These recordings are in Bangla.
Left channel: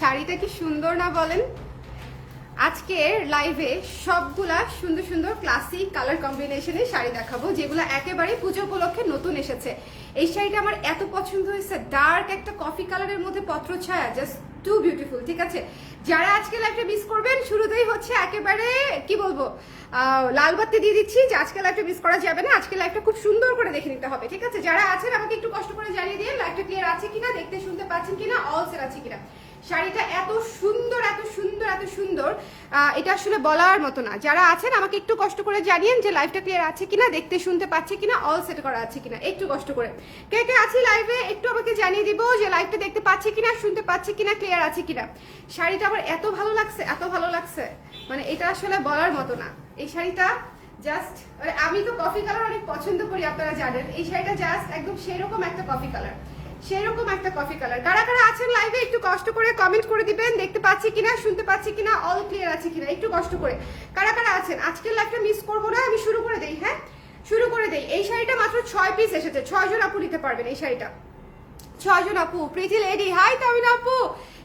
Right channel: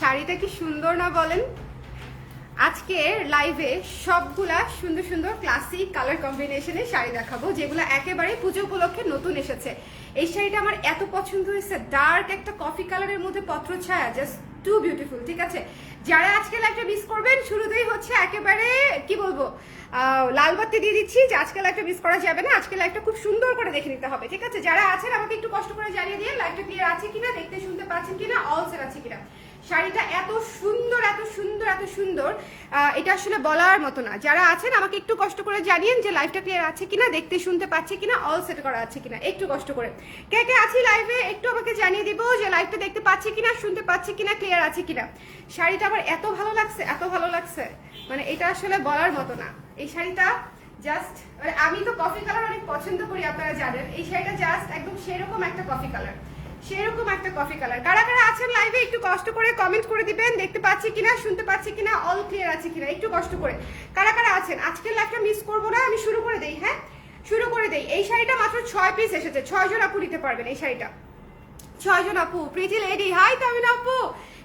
শাড়িটা কি সুন্দর না বলেন? আজকে লাইভে সবগুলা সুন্দর সুন্দর ক্লাসিক কালার কম্বিনেশনে শাড়ি দেখাবো, যেগুলো একেবারে পুজো উপলক্ষে নতুন এসেছে। এই শাড়িটা আমার এত পছন্দ হয়েছে, ডার্ক একটা কফি কালারের মধ্যে পত্র ছায়া, জাস্ট টু বিউটিফুল। ঠিক আছে, যারা আজকে লাইভটা মিস করবেন, শুরুতেই হচ্ছে একেবারে কি বলবো, লাল বাতি দিয়ে দিচ্ছি যে আজকে লাইভটা মিস করা যাবে না। আজকে লাইভটা খুব সুন্দর করে দেখে নিতে হবে। ঠিক আছে, যারা আছেন আমাকে একটু কষ্ট করে জানিয়ে দিয়ে লাইভটা ক্লিয়ার আছে কিনা, দেখতে শুনতে পাচ্ছেন কিনা, অল সেট আছে কিনা। শাড়িটা এত সুন্দর এত সুন্দর এত সুন্দর, এটা আসলে বলার মতো না। যারা আছেন আমাকে একটু কষ্ট করে জানিয়েন যে লাইভটা ক্লিয়ার আছে কিনা, দেখতে শুনতে পাচ্ছি কিনা, অল সেট করা আছে কিনা, একটু কষ্ট করে। কে কে আছি লাইভে একটু আমাকে জানিয়ে দিব যে লাইভটা দেখতে পাচ্ছি কিনা, শুনতে পাচ্ছি কিনা, ক্লিয়ার আছে কিনা। শাড়িটা আমার এত ভালো লাগছে, এত ভালো লাগছে, মানে এটা আসলে বলার মতো না। এই শাড়িটা জাস্ট, আমি তো কফি কালার অনেক পছন্দ করি, আপনারা জানেন। এই শাড়িটা জাস্ট একদম সেরকম একটা কফি কালার, সেরকম একটা কফি কালার। কারা কারা আছেন লাইভে একটু কষ্ট করে কমেন্ট করে দিবেন, দেখতে পাচ্ছি কিনা, শুনতে পাচ্ছি কিনা, অল ক্লিয়ার আছে কিনা, একটু কষ্ট করে। কারা কারা আছেন? আজকের লাইভটা মিস করবো না, আমি শুরু করে দেই। হ্যাঁ, শুরু করে দেই। এই শাড়িটা মাত্র 6 পিস এসেছে, 6 জন আপু নিতে পারবেন এই শাড়িটা। 6 জন আপু, প্রিটি লেডি, হাই তামিন আপু।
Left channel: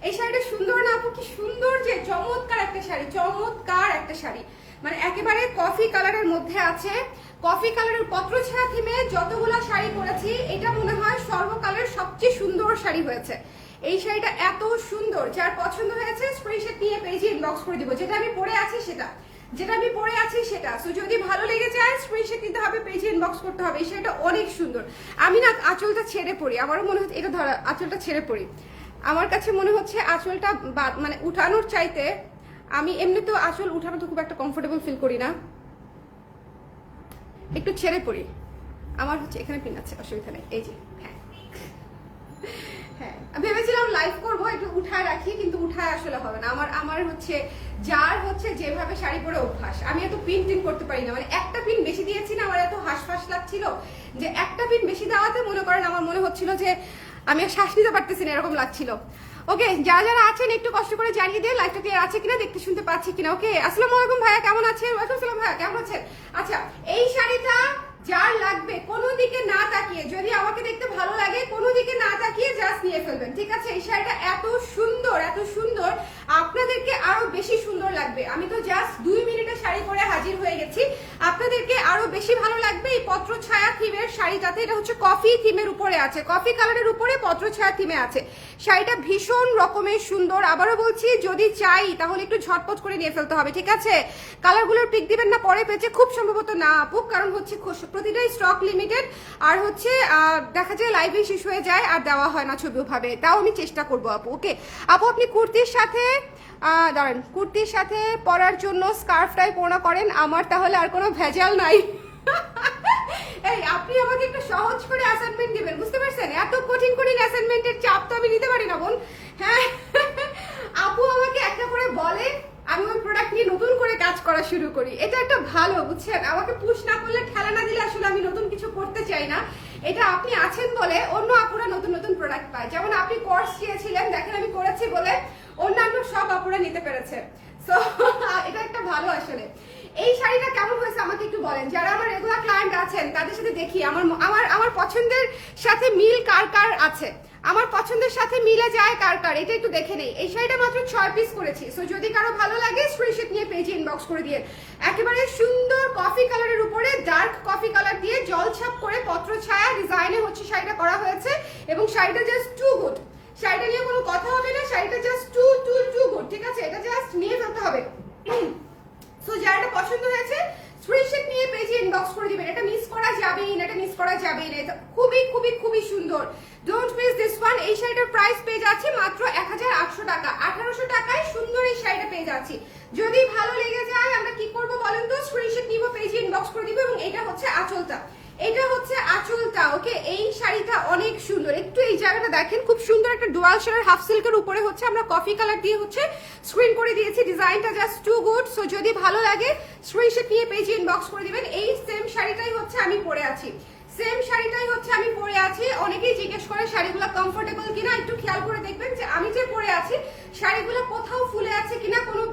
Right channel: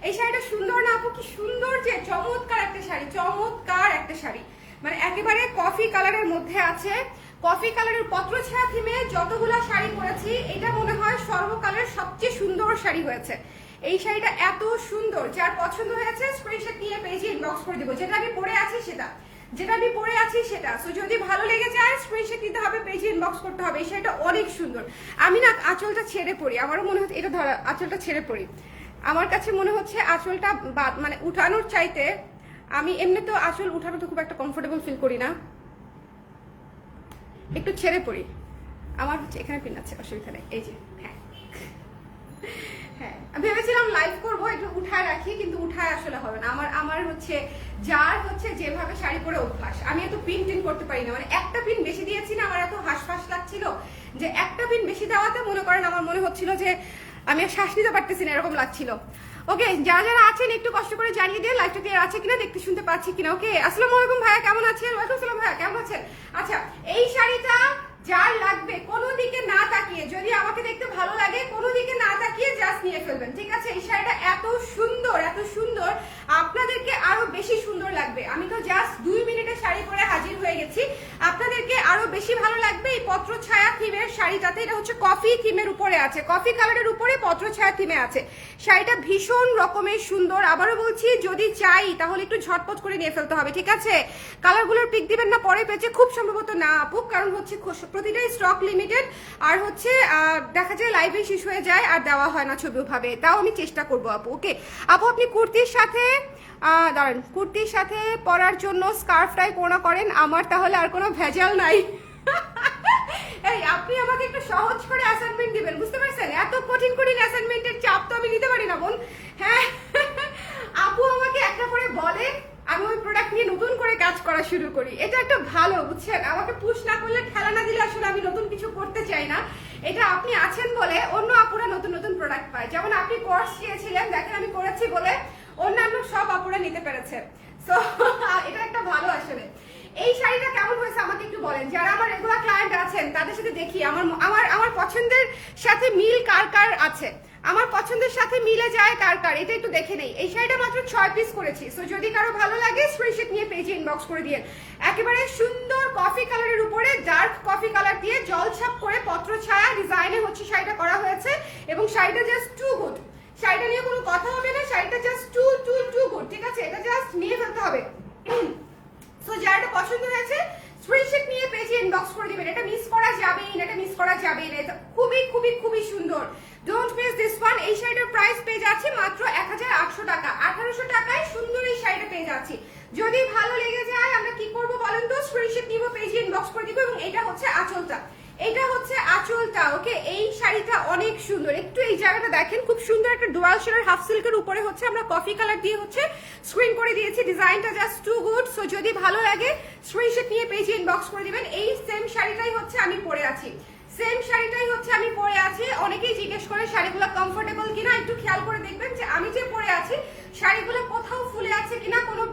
এই শাড়িটা সুন্দর না আপু? কি সুন্দর, যে চমৎকার একটা শাড়ি, চমৎকার একটা শাড়ি, মানে একেবারে কফি কালারের মধ্যে আছে। কফি কালারের পত্র ছায়া থিমে যতগুলা শাড়ি পরেছি, এটা মনে হয় সর্বকালের সবচেয়ে সুন্দর শাড়ি হয়েছে। এই শাড়িটা এত সুন্দর, যার পছন্দ হয়েছে স্ক্রিনশট নিয়ে পেজে ইনবক্স করে দিব। যেটা আমি পরে আছি সেটা, যেটা আমি পরে আছি সেটা। সো যদি ভালো লেগে যায় স্ক্রিনশট নিতে হবে, পেজে ইনবক্স করতে হবে। এই শাড়িটা অনেক সুন্দর। আমি না আঁচলটা ছেড়ে পড়ি, আমারও মনে হচ্ছে এটা ধরা, আঁচলটা ছেড়ে পড়ি। আমার কাছে মনে হচ্ছে আঁচলটা মানে উঠানোর চাইতে, আমি এমনিতেও আঁচল উঠানো তো খুব একটা কমফোর্টেবল ফিল করি না, একটু ছেড়ে পড়ি। আমার হচ্ছে এখানে পিন আছে, অসুবিধা নেই। এই যে হ্যাঁ হ্যাঁ, ভেবেছিলাম লাইভ করবো, একটু উঠায় রাখি, কিন্তু উঠায় আসলে হবে না। আমার হচ্ছে যার হচ্ছে যেভাবে শাড়ি পরে অভ্যাস, আমি এত পিন টিন করতে পারি না। মানে একটা পিন বেশি দিয়েছি না, আমার এত হাঁসফাঁস লাগছিল যে একটা পিন বেশি দেওয়াতে মনে করেন আমার মনে হচ্ছিল যে আমি আর শ্বাস নিতে পারতেছি না, এরকম লাগছিল। ওকে, যারা যারা আছেন একটু কষ্ট করে জানিয়ে দিয়ে লাইভটা ক্লিয়ার আছে কিনা, দেখতে শুনতে পাচ্ছি কিনা। ওকে, আসসালামু আলাইকুম ভাইয়া, কেমন আছেন? ওয়ালাইকুম আসসালাম ভাইয়া, কেমন আছেন? আচ্ছা, এই শাড়িটা যার লাগবে কোনো দিকে না তাকিয়ে, যদি আমাকে দেখতে ভালো লাগে কোনো দিকে না তাকিয়ে জাস্ট নিয়ে ফেলবেন। ঠিক আছে, এই শাড়িটা এত সুন্দর এত সুন্দর, আপনাদেরকে আরো বেশি সুন্দর লাগবে। আমি তো জাস্ট 2 মিনিটে শাড়ি পরে হাজির হয়ে গেছি, আপনাদেরকে আরো বেশি ভালো লাগবে এই পত্র ছায়া থিমের শাড়িটাতে। এটা হচ্ছে কফি থিমের উপরে আছে, কফি কালারের উপরে পত্র ছায়া থিমে আছে। শাড়িটা ভীষণ রকমের সুন্দর। আবারও বলছি, যদি চাই তাহলে একটু ঝটপট করে নিয়ে ফেলতে হবে। ঠিক আছে, কালারগুলোর পিক দিবেন না পরে পেয়েছে, খুব সম্ভবত না আপু, কারণ হচ্ছে প্রতিটাই স্টক লিমিটেড, আর হচ্ছে দেখা যায় লাইভে শেষ হয়ে যায় আর দেওয়া হয় না ছবি ভাবে। তাও আমি চেষ্টা করবো আপু। ওকে আপু, আপনি কুর্তির সাথে দাঁড়ান, কুর্তির সাথে পরার জন্য স্কার্ফটাই পরা করেন, আমার তাহলে আর কোনো ভেজাল নাই। এই আপনি আমাকে একটু সহজ করে অ্যাসাইনমেন্ট দিবেন, বুঝতে পারছেন? এত কঠিন কঠিন অ্যাসাইনমেন্টের চাপ তো আমি নিতে পারি না বোন। হ্যাঁ, আপু আমাকে একটা করে বলে, আমি ওই প্রোডাক্ট নিয়ে নতুন করে কাজ করা শুরু করি। এটা একটা ভালো, বুঝছেন? আমাকে পুশ না করলে, ঠেলা না দিলে আসলে আমি নতুন কিছু করতে চাই না। এটা আপনি আছেন বলে অন্য আপুরা নতুন নতুন প্রোডাক্ট পায়। যেমন আপনি কোর্স চেয়েছিলেন, দেখেন আমি করেছি বলে অন্যান্য সব আপুরা নিতে পেরেছে। সো এটা একটা ভালো আসলে। এই শাড়িটা কেমন হয়েছে আমাকে একটু বলেন। যারা আমার রেগুলার ক্লায়েন্ট আছেন তাদের সাথে দেখি আমার পছন্দের সাথে মিল কার কার আছে, আমার পছন্দের সাথে মিলে যায় কার কার, এটা একটু দেখে নেই। এই শাড়িটা মাত্র 6 পিস করেছি। সো যদি কারো ভালো লাগে স্ক্রিনশট নিয়ে পেজে ইনবক্স করে দিয়ে। একেবারে সুন্দর কফি কালারের উপরে ডার্ক কফি কালার দিয়ে জলছাপ করে পত্র ছায়া ডিজাইনে হচ্ছে শাড়িটা করা হয়েছে, এবং শাড়িটা জাস্ট টু গুড। শাড়িটা নিয়ে কোনো কথা হবে না, শাড়িটা জাস্ট টু গুড। ঠিক আছে, এটা জাস্ট নিয়ে ফেলতে হবে। সো যারটা পছন্দ হয়েছে স্ক্রিনশট নিয়ে পেজে ইনবক্স করে দিবেন। এটা মিস করা যাবেই না, এটা মিস করা যাবেই না। এটা খুবই খুবই খুবই সুন্দর, ডোন্ট মিস দিস ওয়ান। এই শাড়িটার প্রাইস পেয়ে যাচ্ছি মাত্র 1800 টাকা। 1800 টাকায় সুন্দর এই শাড়িটা পেয়ে যাচ্ছি। যদি ভালো লেগে যায় আমরা কি করবো বলেন তো? স্ক্রিনশট নিব, পেজে ইনবক্স করে দিব। এবং এটা হচ্ছে আঁচলটা, এটা হচ্ছে আঁচলটা। ওকে, এই শাড়িটা অনেক সুন্দর। একটু এই জায়গাটা দেখেন, খুব সুন্দর একটা ডুয়াল শেয়ার হাফ সিল্কের উপরে হচ্ছে আমরা কফি কালার দিয়ে হচ্ছে স্ক্রিন করে দিয়েছি। ডিজাইনটা জাস্ট টু গুড। সো যদি ভালো লাগে স্ক্রিনশট নিয়ে পেজে ইনবক্স করে দিবেন। এই সেম শাড়িটাই হচ্ছে আমি পরে আছি, সেম শাড়িটাই হচ্ছে আমি পরে আছি। অনেকেই জিজ্ঞেস করে শাড়িগুলো কমফোর্টেবল কিনা, একটু খেয়াল করে দেখবেন যে আমি যে পরে আছি শাড়িগুলো কোথাও ফুলে আছে কিনা, কোনো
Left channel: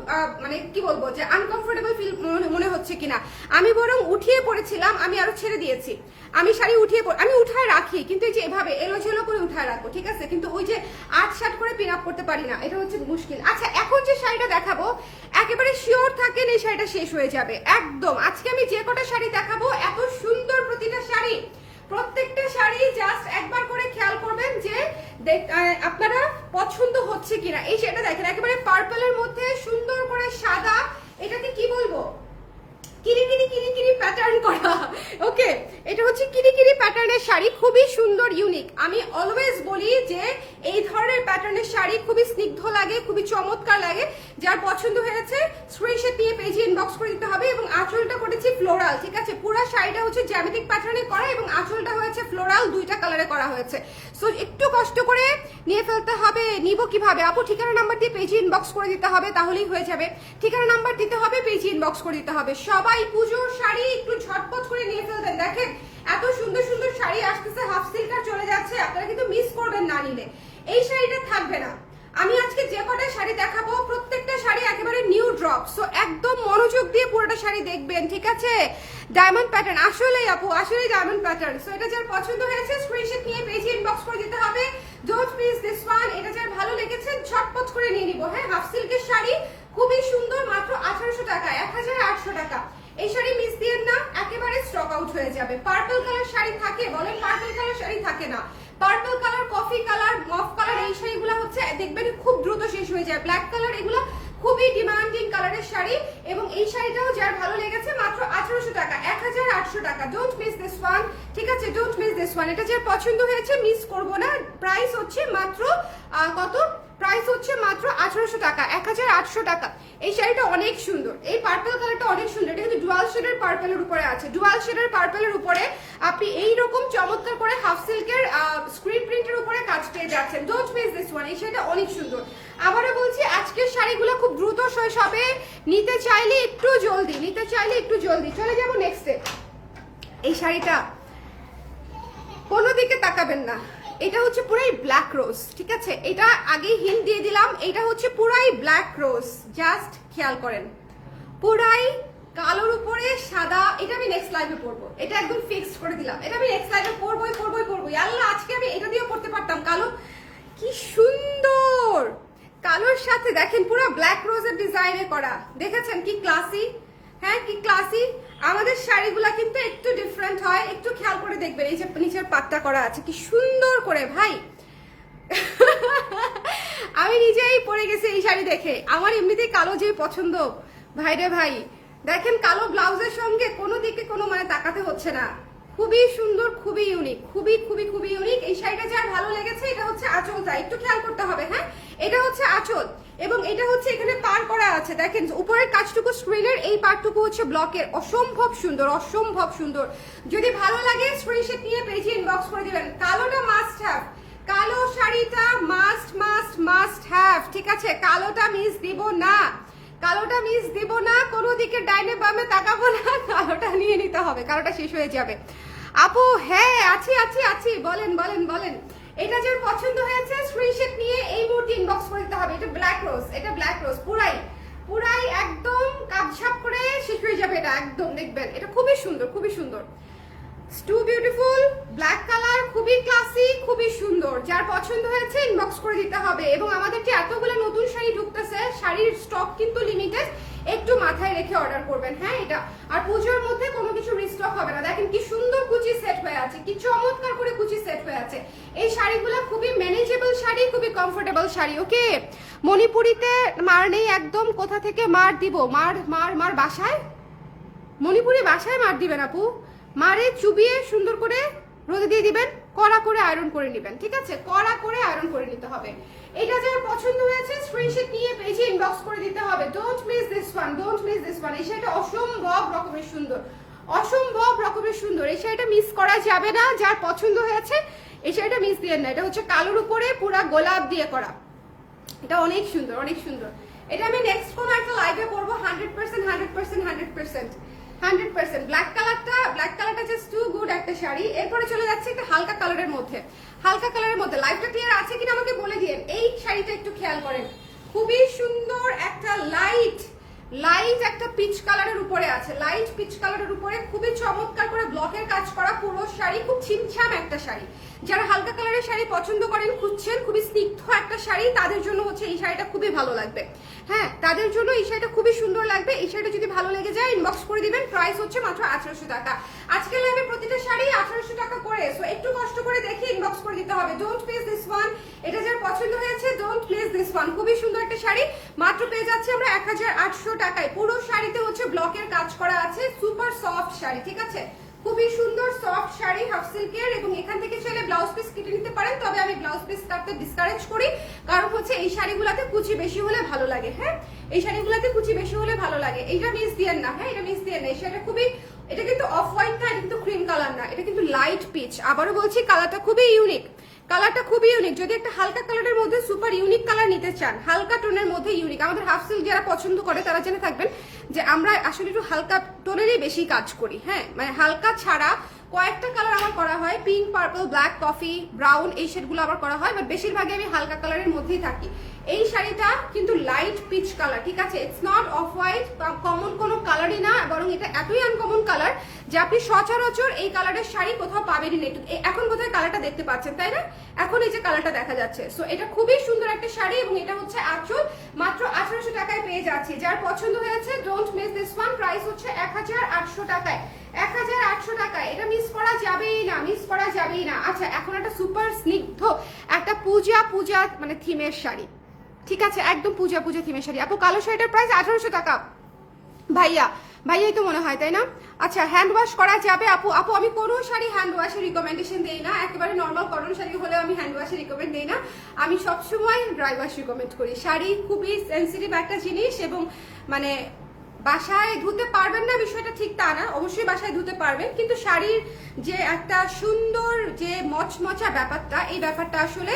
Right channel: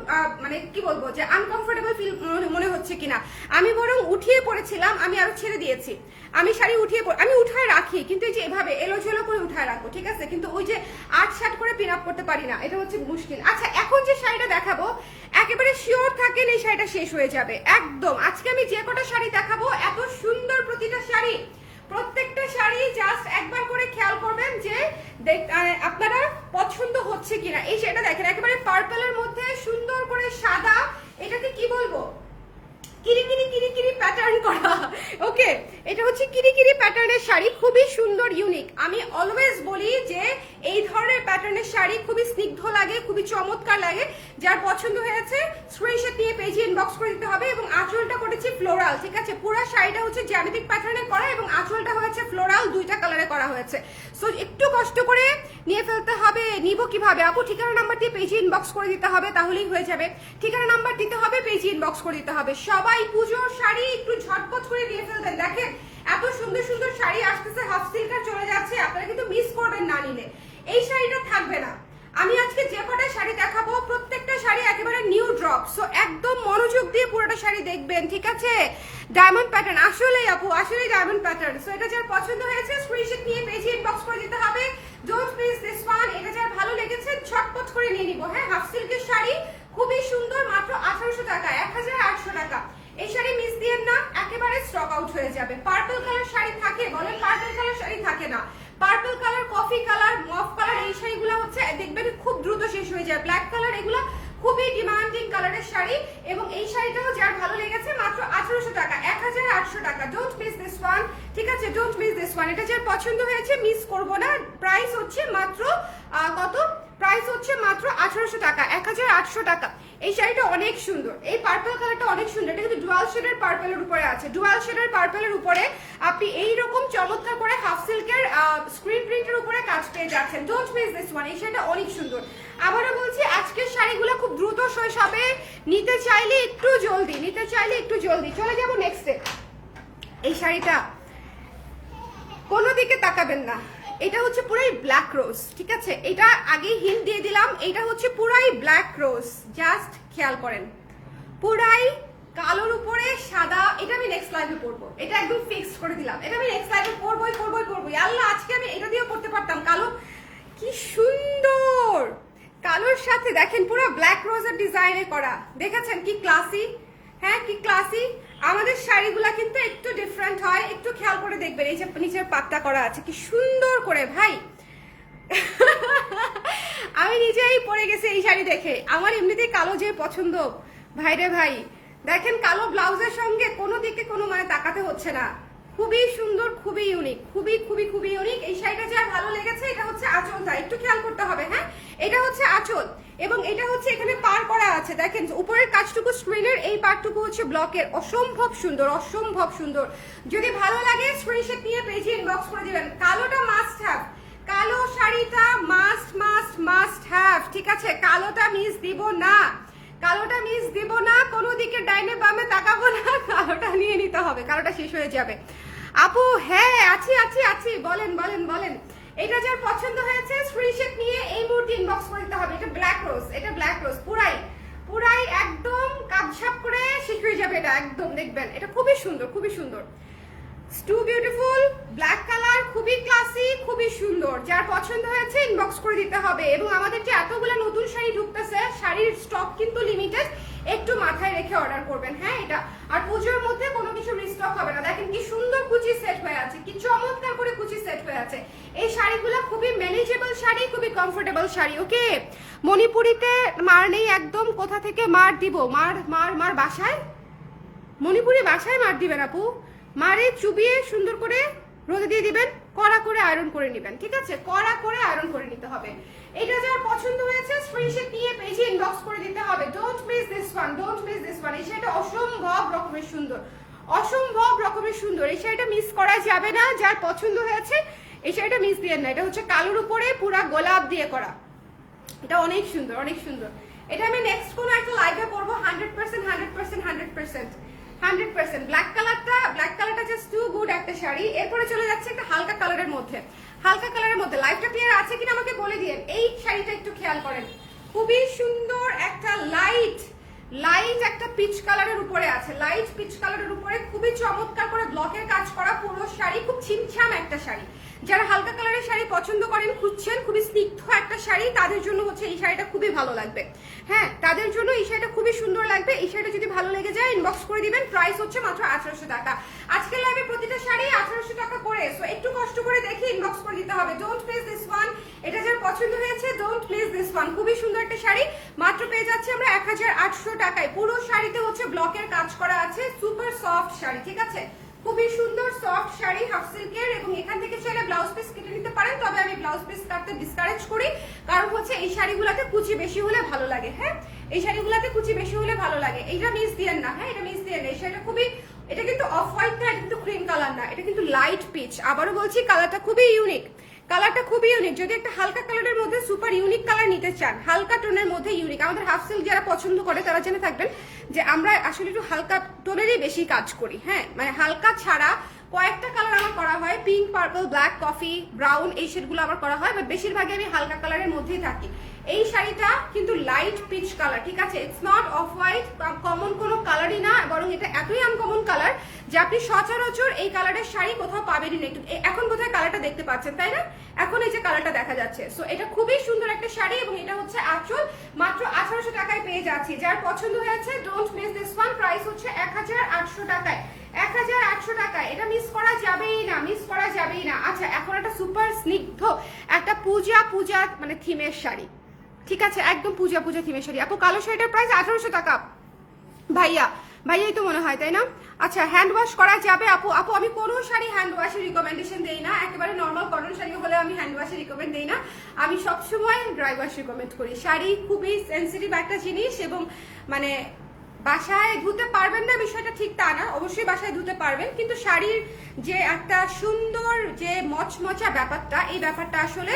মানে কি বলবো যে আনকমফোর্টেবল ফিল মনে হচ্ছে কিনা। আমি বরং উঠিয়ে পড়েছিলাম, আমি আরো ছেড়ে দিয়েছি। আমি শাড়ি আমি উঠায় রাখি, কিন্তু এই যে এভাবে এলোঝেলো করে উঠায় রাখবো, ঠিক আছে, কিন্তু ওই যে 8-7 করে পিন আপ করতে পারি না, এটা হচ্ছে মুশকিল। আচ্ছা, এখন যে শাড়িটা দেখাবো একেবারে শিওর থাকেন এই শাড়িটা শেষ হয়ে যাবে একদম। আজকে আমি যে কটা শাড়ি দেখাবো এত সুন্দর প্রতিটা শাড়ি, প্রত্যেকটা শাড়ি জাস্ট একবার করে খেয়াল করবেন যে আপনারা পছন্দ হচ্ছে কিনা। এই শাড়িটা দেখেন একেবারে পার্পলের মধ্যে সুন্দর করে সাদা, এটাকে কি বলবো, কিরিকিরি প্যাটার্ন করা। ওকে, এটা হচ্ছে কিরিকিরি প্যাটার্নের শাড়ি, খুবই সুন্দর ইউনিক। আমি অলওয়েজ বলি যে এই ধরনের প্যাটার্নের শাড়ি খুবই স্নিগ্ধ লাগে, খুবই চমৎকার লাগে। যার পছন্দ হয়েছে স্ক্রিনশট নিয়ে পেজে ইনবক্স করে দিতে হবে। এবং আঁচলটা করেছি ফ্লোরাল, ঠিক আছে, পুরো শাড়িটা হচ্ছে জ্যামিতিক প্যাটার্নে করা এবং আঁচলটা হয়েছে ফ্লোরাল, দুইটা কালারে করা হয়েছে। সো একটু কষ্ট করে নিয়ে ফেলতে হবে। নিব কিভাবে আপু? ঠিকানা নাম্বার দিয়ে পেজে ইনবক্স করে দিতে হবে, তাহলেই হয়ে যাবে। ঠিকানা নাম্বার দিতে হবে, পেজে ইনবক্স করে দিতে হবে। সবাই পুজোর শাড়ি একটু ঝটপট করে নিয়ে ফেলবেন। দেখেন এত সুন্দর সুন্দর শাড়ি আসতেছে, হাফ সিল্কার চলে যাচ্ছে, আপনারা কিন্তু মিস করবেন না নিলে। এই শাড়িটা থাকবে না। আমি আজকে যে কটা শাড়ি দেখাবো প্রত্যেকটা শাড়ি একেবারে নিউ ড্রপ, সো একদম মনোযোগ দিয়ে পুরোটা শাড়ি দেখবেন, ঠিক আছে। ডায়মন্ড প্যাটার্ন, আসলেই আপু আসলেই ডায়মন্ড প্যাটার্ন। সো এটা যার পছন্দ হয়েছে স্ক্রিনশট নিয়ে পেজে ইনবক্স করে দিতে হবে। Don't miss this one. এটা যার ভালো লেগেছে ঝটপট করে নিয়ে নিব। হ্যাঁ, হাফ সিল্কের শাড়ি খুবই সুন্দর, মাত্র 1800 টাকা, 1800 টাকা। এই শাড়ি মিস দিয়েন না, একেবারে স্টক আউট হয়ে যাবে। পার্পল কালার শাড়ি থাকে, বলেন পার্পল কালার শাড়ি থাকে না। Purple colour, coffee colour, মফ colour, এই শাড়িগুলো হচ্ছে দেখবেন খুব দ্রুত শেষ হয়ে যায়। ব্ল্যাক কালার, এগুলো খুবই ডিমান্ডিং কালারের শাড়ি। এবং এই শাড়িটাও যার ভালো লেগেছে মাত্র 1800 টাকা, 1800 টাকা। ডোন্ট মিস দিস ওয়ান, ঠিক আছে, ডোন্ট মিস দিস ওয়ান। এটা যার পছন্দ হয়েছে মিস করবো না। প্রাইস হচ্ছে মাত্র কত? প্রাইস হচ্ছে মাত্র 1800 টাকা, 1800 টাকা। এই শাড়িটা অনেক সুন্দর, এই পার্পল কালারটা অনেক সুন্দর। এটা কিন্তু ডুয়াল শেডের পার্পলের উপরে আছে, ডুয়াল শেডের পার্পলের উপরে আপনি এইরকম চমৎকার করে হাফ সিল্কের স্ক্রিন প্রিন্টের উপরে কাজ পেয়ে যাচ্ছেন। Don't miss this one. এই শাড়িটা অনেক সুন্দর। আবারও বলছি, আজকের শাড়িগুলো খুব দ্রুত শেষ হবে, নিতে চাইলে একটু জলদি, নিতে চাইলে একটু জলদি। চলে যাবো নেক্সটে। এই শাড়িটা কোনো দিকে তাকাবেন না, এটা হচ্ছে পুরাই ব্ল্যাক রোজ, ঠিক আছে। এটা আগে হিন্ট দিয়ে দিলাম, এটা হচ্ছে পুরাই ব্ল্যাক রোজ, জাস্ট খেয়াল করেন, পুরাই কালোর উপরে সাদা। এটা আমি নেক্সট লাইভে পরবো, এটা একদম ফিক্সড করে দিলাম। এটা আমি নেক্সট লাইভে পরবোই। আল্লাহ, আজকে আমি এটা দিয়েও পড়তে পারতাম। কালো কি সুন্দর, কালোর সাথে দেখেন পুরো ব্ল্যাক রোজের ডিজাইনে করা, দেখেছেন কি ক্লাসি। হ্যাঁ, কি ক্লাসি। আমাদের শাড়িগুলা কিন্তু একটু ডিফারেন্ট হয়, একটু খেয়াল করে দেখবেন। এই যে নিচের পাটটা করা আছে কি সুন্দর করে, ভাই আমি নিজেই পরে গেছি এই শাড়ি দেখে। আমার এমনিতেই কালো যে পছন্দ, ভাই রে ভাই। দেখেন কালো ব্লাউজের সঙ্গে কোনো দিকে কোনো মানে তাকাতে হচ্ছে না। খুবই সুন্দর, খুবই ইউনিক, খুবই ইউনিক। এই শাড়িটা যার ভালো লেগেছে, এটা হচ্ছে আঁচলটা, একটু খেয়াল করতে হবে। হ্যাঁ, এটা হচ্ছে আঁচল এবং এটা হচ্ছে এখানে পার করা আছে। দেখেন উপরের কাজটুকু স্ক্রিনের, এই পার্টটুকু হচ্ছে ব্লকের। অসম্ভব সুন্দর, অসম্ভব সুন্দর। যদি ভালো লাগে স্ক্রিনশট নিয়ে পেজে ইনবক্স করে দিবেন। কালোটা মাস্ট হ্যাভ, কালো শাড়িটা মাস্ট হ্যাভ, ঠিক আছে। কালোটা মিস দিব না, কালোটা মিস দিব না, কোনো দিকে ডাইনে বামে তাকাবো না, কালোটা নিয়ে নিতে হবে, কালোটা শেষ হয়ে যাবে। আপু হ্যাঁ আছি, বলেন। এটা যার পছন্দ হয়েছে স্ক্রিনশট নিয়ে এই মুহূর্তে ইনবক্স করে দিতে হবে। এটা ব্ল্যাক রোজ, এটা ব্ল্যাক রোজ পুরাই একদম কাপঝাপ করে শেষ হয়ে যাবে। এটা একদম দেখবেন, এটা খুবই সুন্দর। টু বিউটিফুল, ব্ল্যাক কালার, খুবই ক্লাসি, খুবই সুন্দর। যার পছন্দ হয়েছে ইনবক্স করে দিতে হবে। এবং আমাদের যে এতগুলো নতুন শাড়ি ঢুকতেছে, শাড়ির স্টক কিন্তু লিমিটেড, একটু মাথায় রেখে অর্ডার করবেন। হ্যাঁ, এটা আর পুজোর মধ্যে কোনো কিছু রিস্টক হবে না। দেখেন কি সুন্দর কুচি সেট হয়ে আছে, কি চমৎকার করে কুচি সেট হয়ে আছে। এই শাড়িগুলো খুবই ম্যানেজেবল শাড়ি, খুবই কমফোর্টেবল শাড়ি। ওকে, মণিপুরিতে মার নেই একদম। কোথা থেকে মার দিব? মার বাসায়, মণিপুরি বাসায় মার দিবেন আপু। মারে চুবিয়ে সুন্দর করে রোদে দিয়ে দিবেন, কড়া করে আয়রন করে নেবেন, ঠিক আছে, কড়া করে আয়রন করে নিতে হবে। এটা যার পছন্দ হয়েছে স্ক্রিনশট নিয়ে পেজে ইনবক্স করে দিতে হবে। Don't miss this one. এই শাড়িটা অসম্ভব রকমের সুন্দর, এই শাড়িটা মিস করা যাবে না। যার পছন্দ হয়েছে এই শাড়িটা মিস দিয়ে না। এটা হচ্ছে কালোর উপরে পুরা গোলাপ দিয়ে করা, এটা অনেক সুন্দর। এটা আমি নেক্সট কোন একটা লাইভে পরবো 100%। ব্ল্যাক কালারটা জাস্ট টু গুড একটা শাড়ি। এরপরে চলে যাচ্ছে একটা হালকা কালারের মধ্যে। লাইভটা ক্লিয়ার আছে কিনা আমাকে বলে দিন। এই শাড়িটা একটু খেয়াল করেন, খুবই সুন্দর একটা লাইট একটা পিচ কালারের উপরে আছে, লাইট পিচ কালারের উপরে খুবই চমৎকার করে ব্লকের কাজ করা পুরো শাড়ি, খুব ছিমছাম একটা শাড়ি। যারা হালকা কালারের শাড়ি পছন্দ করেন, খুঁজছেন খুবই স্নিগ্ধ একটা শাড়ি, তাদের জন্য হচ্ছে এই শাড়িটা খুবই ভালো লাগবে। হ্যাঁ, তাদের জন্য এই শাড়িটা খুবই সুন্দর লাগবে। এই শাড়িটা যদি ভালো লেগে যায় ইনবক্স করে দিবেন। প্রাইস হচ্ছে মাত্র 1800 টাকা। আজকে লাইভে প্রতিটা শাড়ি 1800 টাকা করে, সো একটু কষ্ট করে দেখে ইনবক্স করে দিতে হবে। ডোন্ট প্লেস দিস ওয়ান, এটা যার পছন্দ হয়েছে ডোন্ট প্লেস দিস ওয়ান। খুবই সুন্দর একটা শাড়ি, মাত্র পেয়ে যাচ্ছে আমরা 1800 টাকায়। পুরো শাড়িতে হচ্ছে ব্লকের কাজ করা আছে, সুপার সফট শাড়ি, ঠিক আছে? খুবই সুন্দর সফট শাড়ি, হাফ সিল্কের, এবং এখান থেকে চাইলে ব্লাউজ পিস কেটে নিতে পারেন, তবে আমি ব্লাউজ পিস কাটতে ডিসকারেজ করি, কারণ হচ্ছে এই শাড়িগুলোতে কুচি বেশি হলে ভালো লাগে। হ্যাঁ, এই শাড়িগুলোতে কুচি বেশি হলে ভালো লাগে। এইটা মিস দিয়েন না, হ্যাঁ এটা মিস দিয়েন না। এই শাড়িটা খুবই, এটা কিন্তু অফ হোয়াইট না, এটা কিন্তু ক্রিম কালার না, এটা কিন্তু লাইট পিচ। আবারও বলছি, কালারটা খুবই ইউনিক, কালারটা খুবই ইউনিক। যদি একটা হালকা কালারের মধ্যে সুপার ইউনিক কালার নিতে চান, হালকা টোনের মধ্যে ইউনিক, আমাদের হাফ সিল্ক যারা পছন্দ করে তারা জেনে থাকবেন যে আমরা আসলে একটু হালকা টোনেরই বেশি কাজ করি। হ্যাঁ, মানে হালকা ছাড়া কয়েকটা কালার আমার করা হয়, pink, purple, black, coffee, brown, এই শেডগুলো আবার করা হয়, বাট বেশিরভাগই আমি হালকা কালারের মধ্যেই থাকি। এই শাড়িটা কিন্তু লাইট পিচ কালার, ঠিক আছে? ইটস নট অফ হোয়াইট বা কমন কোনো কালারই না, বরং এটা এতই আনকমন কালার যে আপনি সচরাচর এই কালারের শাড়ি কোথাও পাবেনই না। এখন বোধহয় কালারটা দেখতে পাচ্ছেন, তাই না? এখন এই যে কালারটা দেখা যাচ্ছে, সো এটা খুবই সুন্দর একটা শাড়ি, এবং এটা হচ্ছে আঁচল, মাত্র 1800 টাকায় পেয়ে যাচ্ছি। যার পছন্দ হয়েছে don't miss this one. Price হচ্ছে 1800 টাকায়, 1800 টাকায়। এটা মিস করা যাবেই না, মিস করা যাবেই না। আচ্ছা, এখন একটা সুপার স্নিগ্ধ একটা পূজা মানে থিমের শাড়ি, ঠিক আছে? একদম পূজা থিমের শাড়ি। আপু কালো শাড়িটার প্রাইস 1800 টাকা। ভাইয়াই তো মনে হয়, তাই না? আচ্ছা, হ্যান্ড ওয়াশ করা যাবে আপু? আপু আমি কোনো শাড়ি হ্যান্ড ওয়াশের রিকমেন্ডেশন দেই না, একেবারে নর্মাল কটন শাড়ি হলে আমি হ্যান্ড ওয়াশের রিকমেন্ড দেই না, আমি সবসময় ড্রাই ওয়াশ রিকমেন্ড করি। শাড়ি খুবই সেন্সিটিভ একটা জিনিস, এবং মানে বাসায় ধুতে পারবেন না বিষয়টা ঠিক তা না, অবশ্যই বাসায় ধুতে পারবেন, কিন্তু শাড়ির যে একটা সুন্দর যে মচমচা ব্যাপারটা, এই ব্যাপারটা আসলে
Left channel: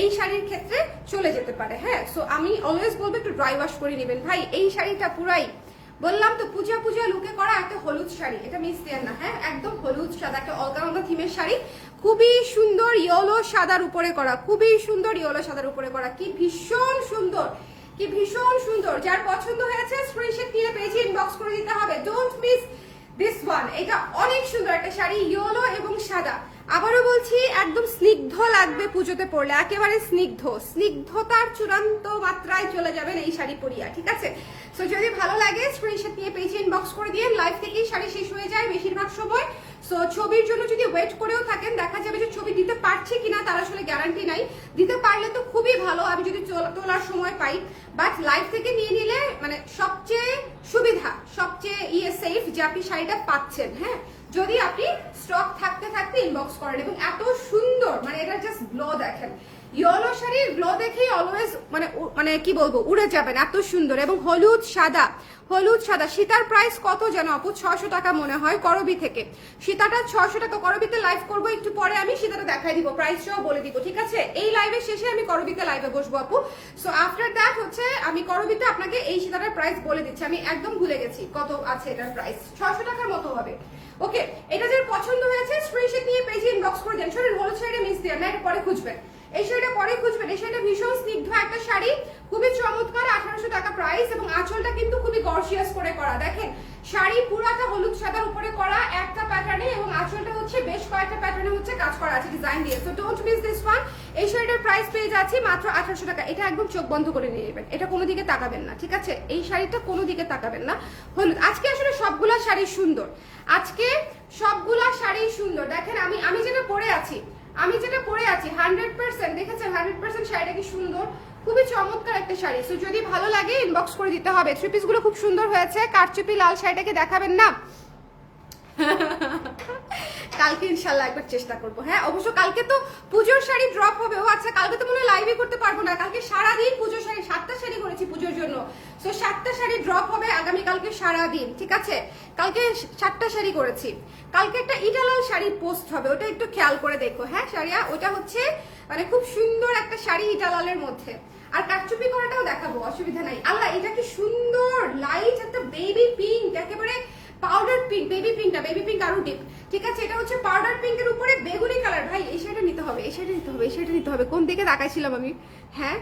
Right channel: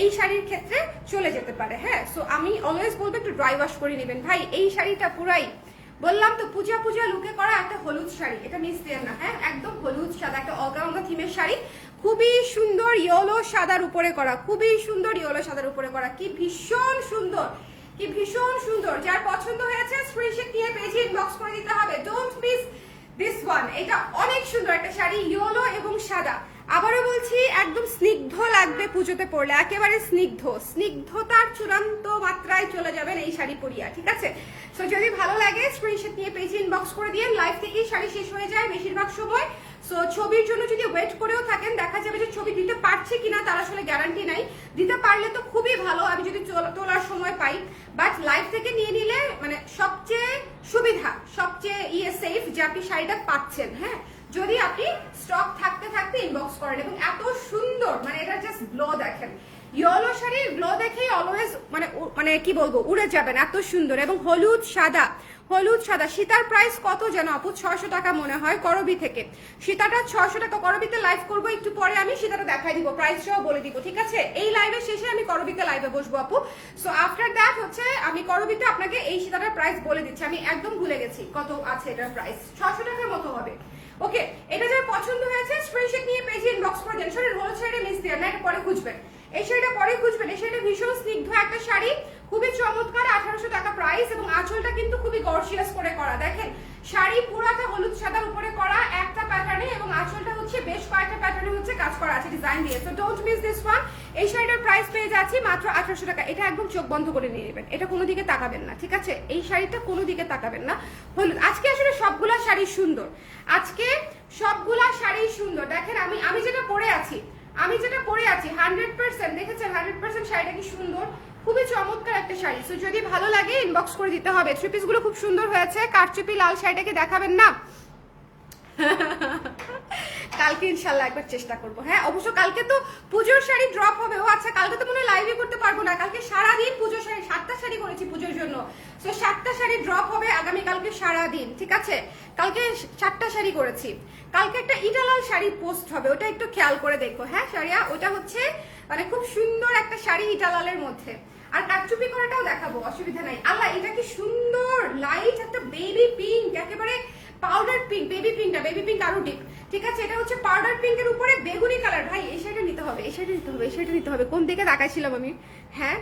এই শাড়ির ক্ষেত্রে চলে যেতে পারে। হ্যাঁ, সো আমি অলওয়েজ বলবো একটু ড্রাই ওয়াশ করে নেবেন। ভাই এই শাড়িটা পুরাই বললাম তো পূজা লুকে করা একটা হলুদ শাড়ি, এটা মিস দেন না। হ্যাঁ, একদম হলুদ সাদা একটা অলকা থিমের শাড়ি, খুবই সুন্দর ইয়েলো সাদার উপরে করা, খুবই সুন্দর ইয়েলো সাদার উপরে করা, কি ভীষণ সুন্দর, কি ভীষণ সুন্দর। যার পছন্দ হয়েছে স্ক্রিনশট নিয়ে পেজে ইনবক্স করে দিতে হবে। Don't miss this one. এটা অনেক সুন্দর একটা শাড়ি, ইয়েলো এবং সাদা। আবারও বলছি, একদম স্নিগ্ধ লাগবে পুজোতে পরলে, একেবারে স্নিগ্ধতার চূড়ান্ত মাত্রায় চলে যাবেন এই শাড়ি পরিয়া, ঠিক আছে? সো যদি ভালো লাগে স্ক্রিনশট নিয়ে পেজে ইনবক্স করে দিয়ে। লাইভ থেকেই শাড়ি শেষ হয়ে যায় বেশিরভাগ সময়, সো ছবির জন্য যদি ওয়েট করেও থাকেন, দেখা যাবে যে ছবি দিতে পারছে কিনা তার আসলে গ্যারান্টি নাই। দিতে পারলে তো খুবই ভালো, আমি যদি তোলার সময় পাই, বাট লাইভ থেকে নিয়ে নিলে মানে সবচেয়ে সুবিধা, সবচেয়ে সেফ যে আপনি শাড়িটা পাচ্ছেন। হ্যাঁ, যদি আপনি স্টক থাকতে ইনবক্স করেন। এবং এত সুন্দর, মানে এটা জাস্ট গ্লো দেখেন, ইয়েলো শাড়ির গ্লো দেখেই অলওয়েজ মানে কি বলবো, উড়ে যাবেন, এত সুন্দর। এবং হলুদ সাদা, সীতার প্রাইস কত যেন আপু? 600 টাকা মনে হয় করবি থেকে। সীতাটা 600 টাকা। করবিতে লাইভ করবো একটু পরে, আমি সীতাটা দেখাই দিব, প্রাইসটাও বলে দিব, ঠিক আছে? এই লাইভের শেষে আমি করবিতে লাইভে বসবো আপু। সো আফটার দ্যাট হচ্ছে আমি করবিতে আপনাকে এই সীতাটার প্রাইস বলে দিচ্ছি, আমি একদম ভুলে গেছি কত আছে এটার প্রাইস, 600 টাকার মতো হবে। ওকে, এটা যার পছন্দ হয়েছে স্ক্রিনশট নিয়ে পেজে ইনবক্স করে দেন। শরীর হলুদ শাড়ি মিস দিয়ে না, এটা পরে খুঁজবেন, এই শাড়িটা পরে খুঁজবেন। এই শাড়িটা ভীষণ স্নিগ্ধ একটা শাড়ি, খুবই চমৎকার, 1800 টাকা প্রাইস। এবং আঁচলটা কিন্তু খুবই গর্জিয়াস করে করা, দেখেন শাড়ি পুরাটা হলুদ সাদার উপরে করা একটা প্যাটার্নে, এবং আঁচলটা হচ্ছে বেশ কয়েকটা প্যাটার্নে হচ্ছে কাজ করা আছে ডিজাইন দিয়ে। So don't miss this one. এই শাড়িটার প্রাইস পেয়ে যাচ্ছি মাত্র 1800 টাকা। এটা একদম চোখ বন্ধ করে নিয়ে নেবেন, এটা কোনো দিকে তাকাবেন না, ঠিক আছে? এই শাড়িটা কোনো দিকে তাকাবেন না। হলুদ, আজকে আসলে সবগুলা শাড়ি সুন্দর, আজকে সবগুলা শাড়ি সুন্দর। দেখেন আমি যেটা পরে আছি, 100% দেখেছেন, 100% শাড়িটা কি সুন্দর, খুবই চমৎকার একটা শাড়ি। সো যদি ভালো লাগে ইনবক্স করে দিতে হবে। থ্রি পিস গুলো খুব সুন্দর হয়েছে। কারচুপি লাল শাড়িটাকে দেখাবেন না? কালকে ইনশাল্লাহ একবার চেষ্টা করবো। হ্যাঁ, অবশ্য কালকে তো পুজোর শাড়ি ড্রপ হবে। ও আচ্ছা, কালকে তো মনে হয় লাইভই করতে পারবো না, কালকে সারাদিন পুজোর শাড়ি, 7টা শাড়ি করেছি পুজোর জন্য। সো 7টা শাড়ি ড্রপ হবে আগামীকালকে সারাদিন, ঠিক আছে? কালকে 7টা শাড়ি করেছি। কালকে একটা ইটালাল শাড়ি পোস্ট হবে, ওটা একটু খেয়াল করে দেখো। হ্যাঁ শাড়িয়া, ওটা হচ্ছে মানে খুব সুন্দর একটা শাড়ি ইটালালের মধ্যে। আর কারচুপি করাটাও দেখাবো, অসুবিধা নাই। আল্লাহ, এটা কি সুন্দর লাইট একটা বেবি পিঙ্ক, একেবারে পাউডার পিঙ্ক, বেবি পিঙ্ক আরো ডিপ, ঠিক আছে? এটা হচ্ছে পাউডার পিঙ্কের উপরে বেগুনি কালার। ভাই এই শাড়িটা নিতে হবে, এই শাড়িটা নিতে হবে। কোন দিকে তাকাইছিলাম আমি? হ্যাঁ,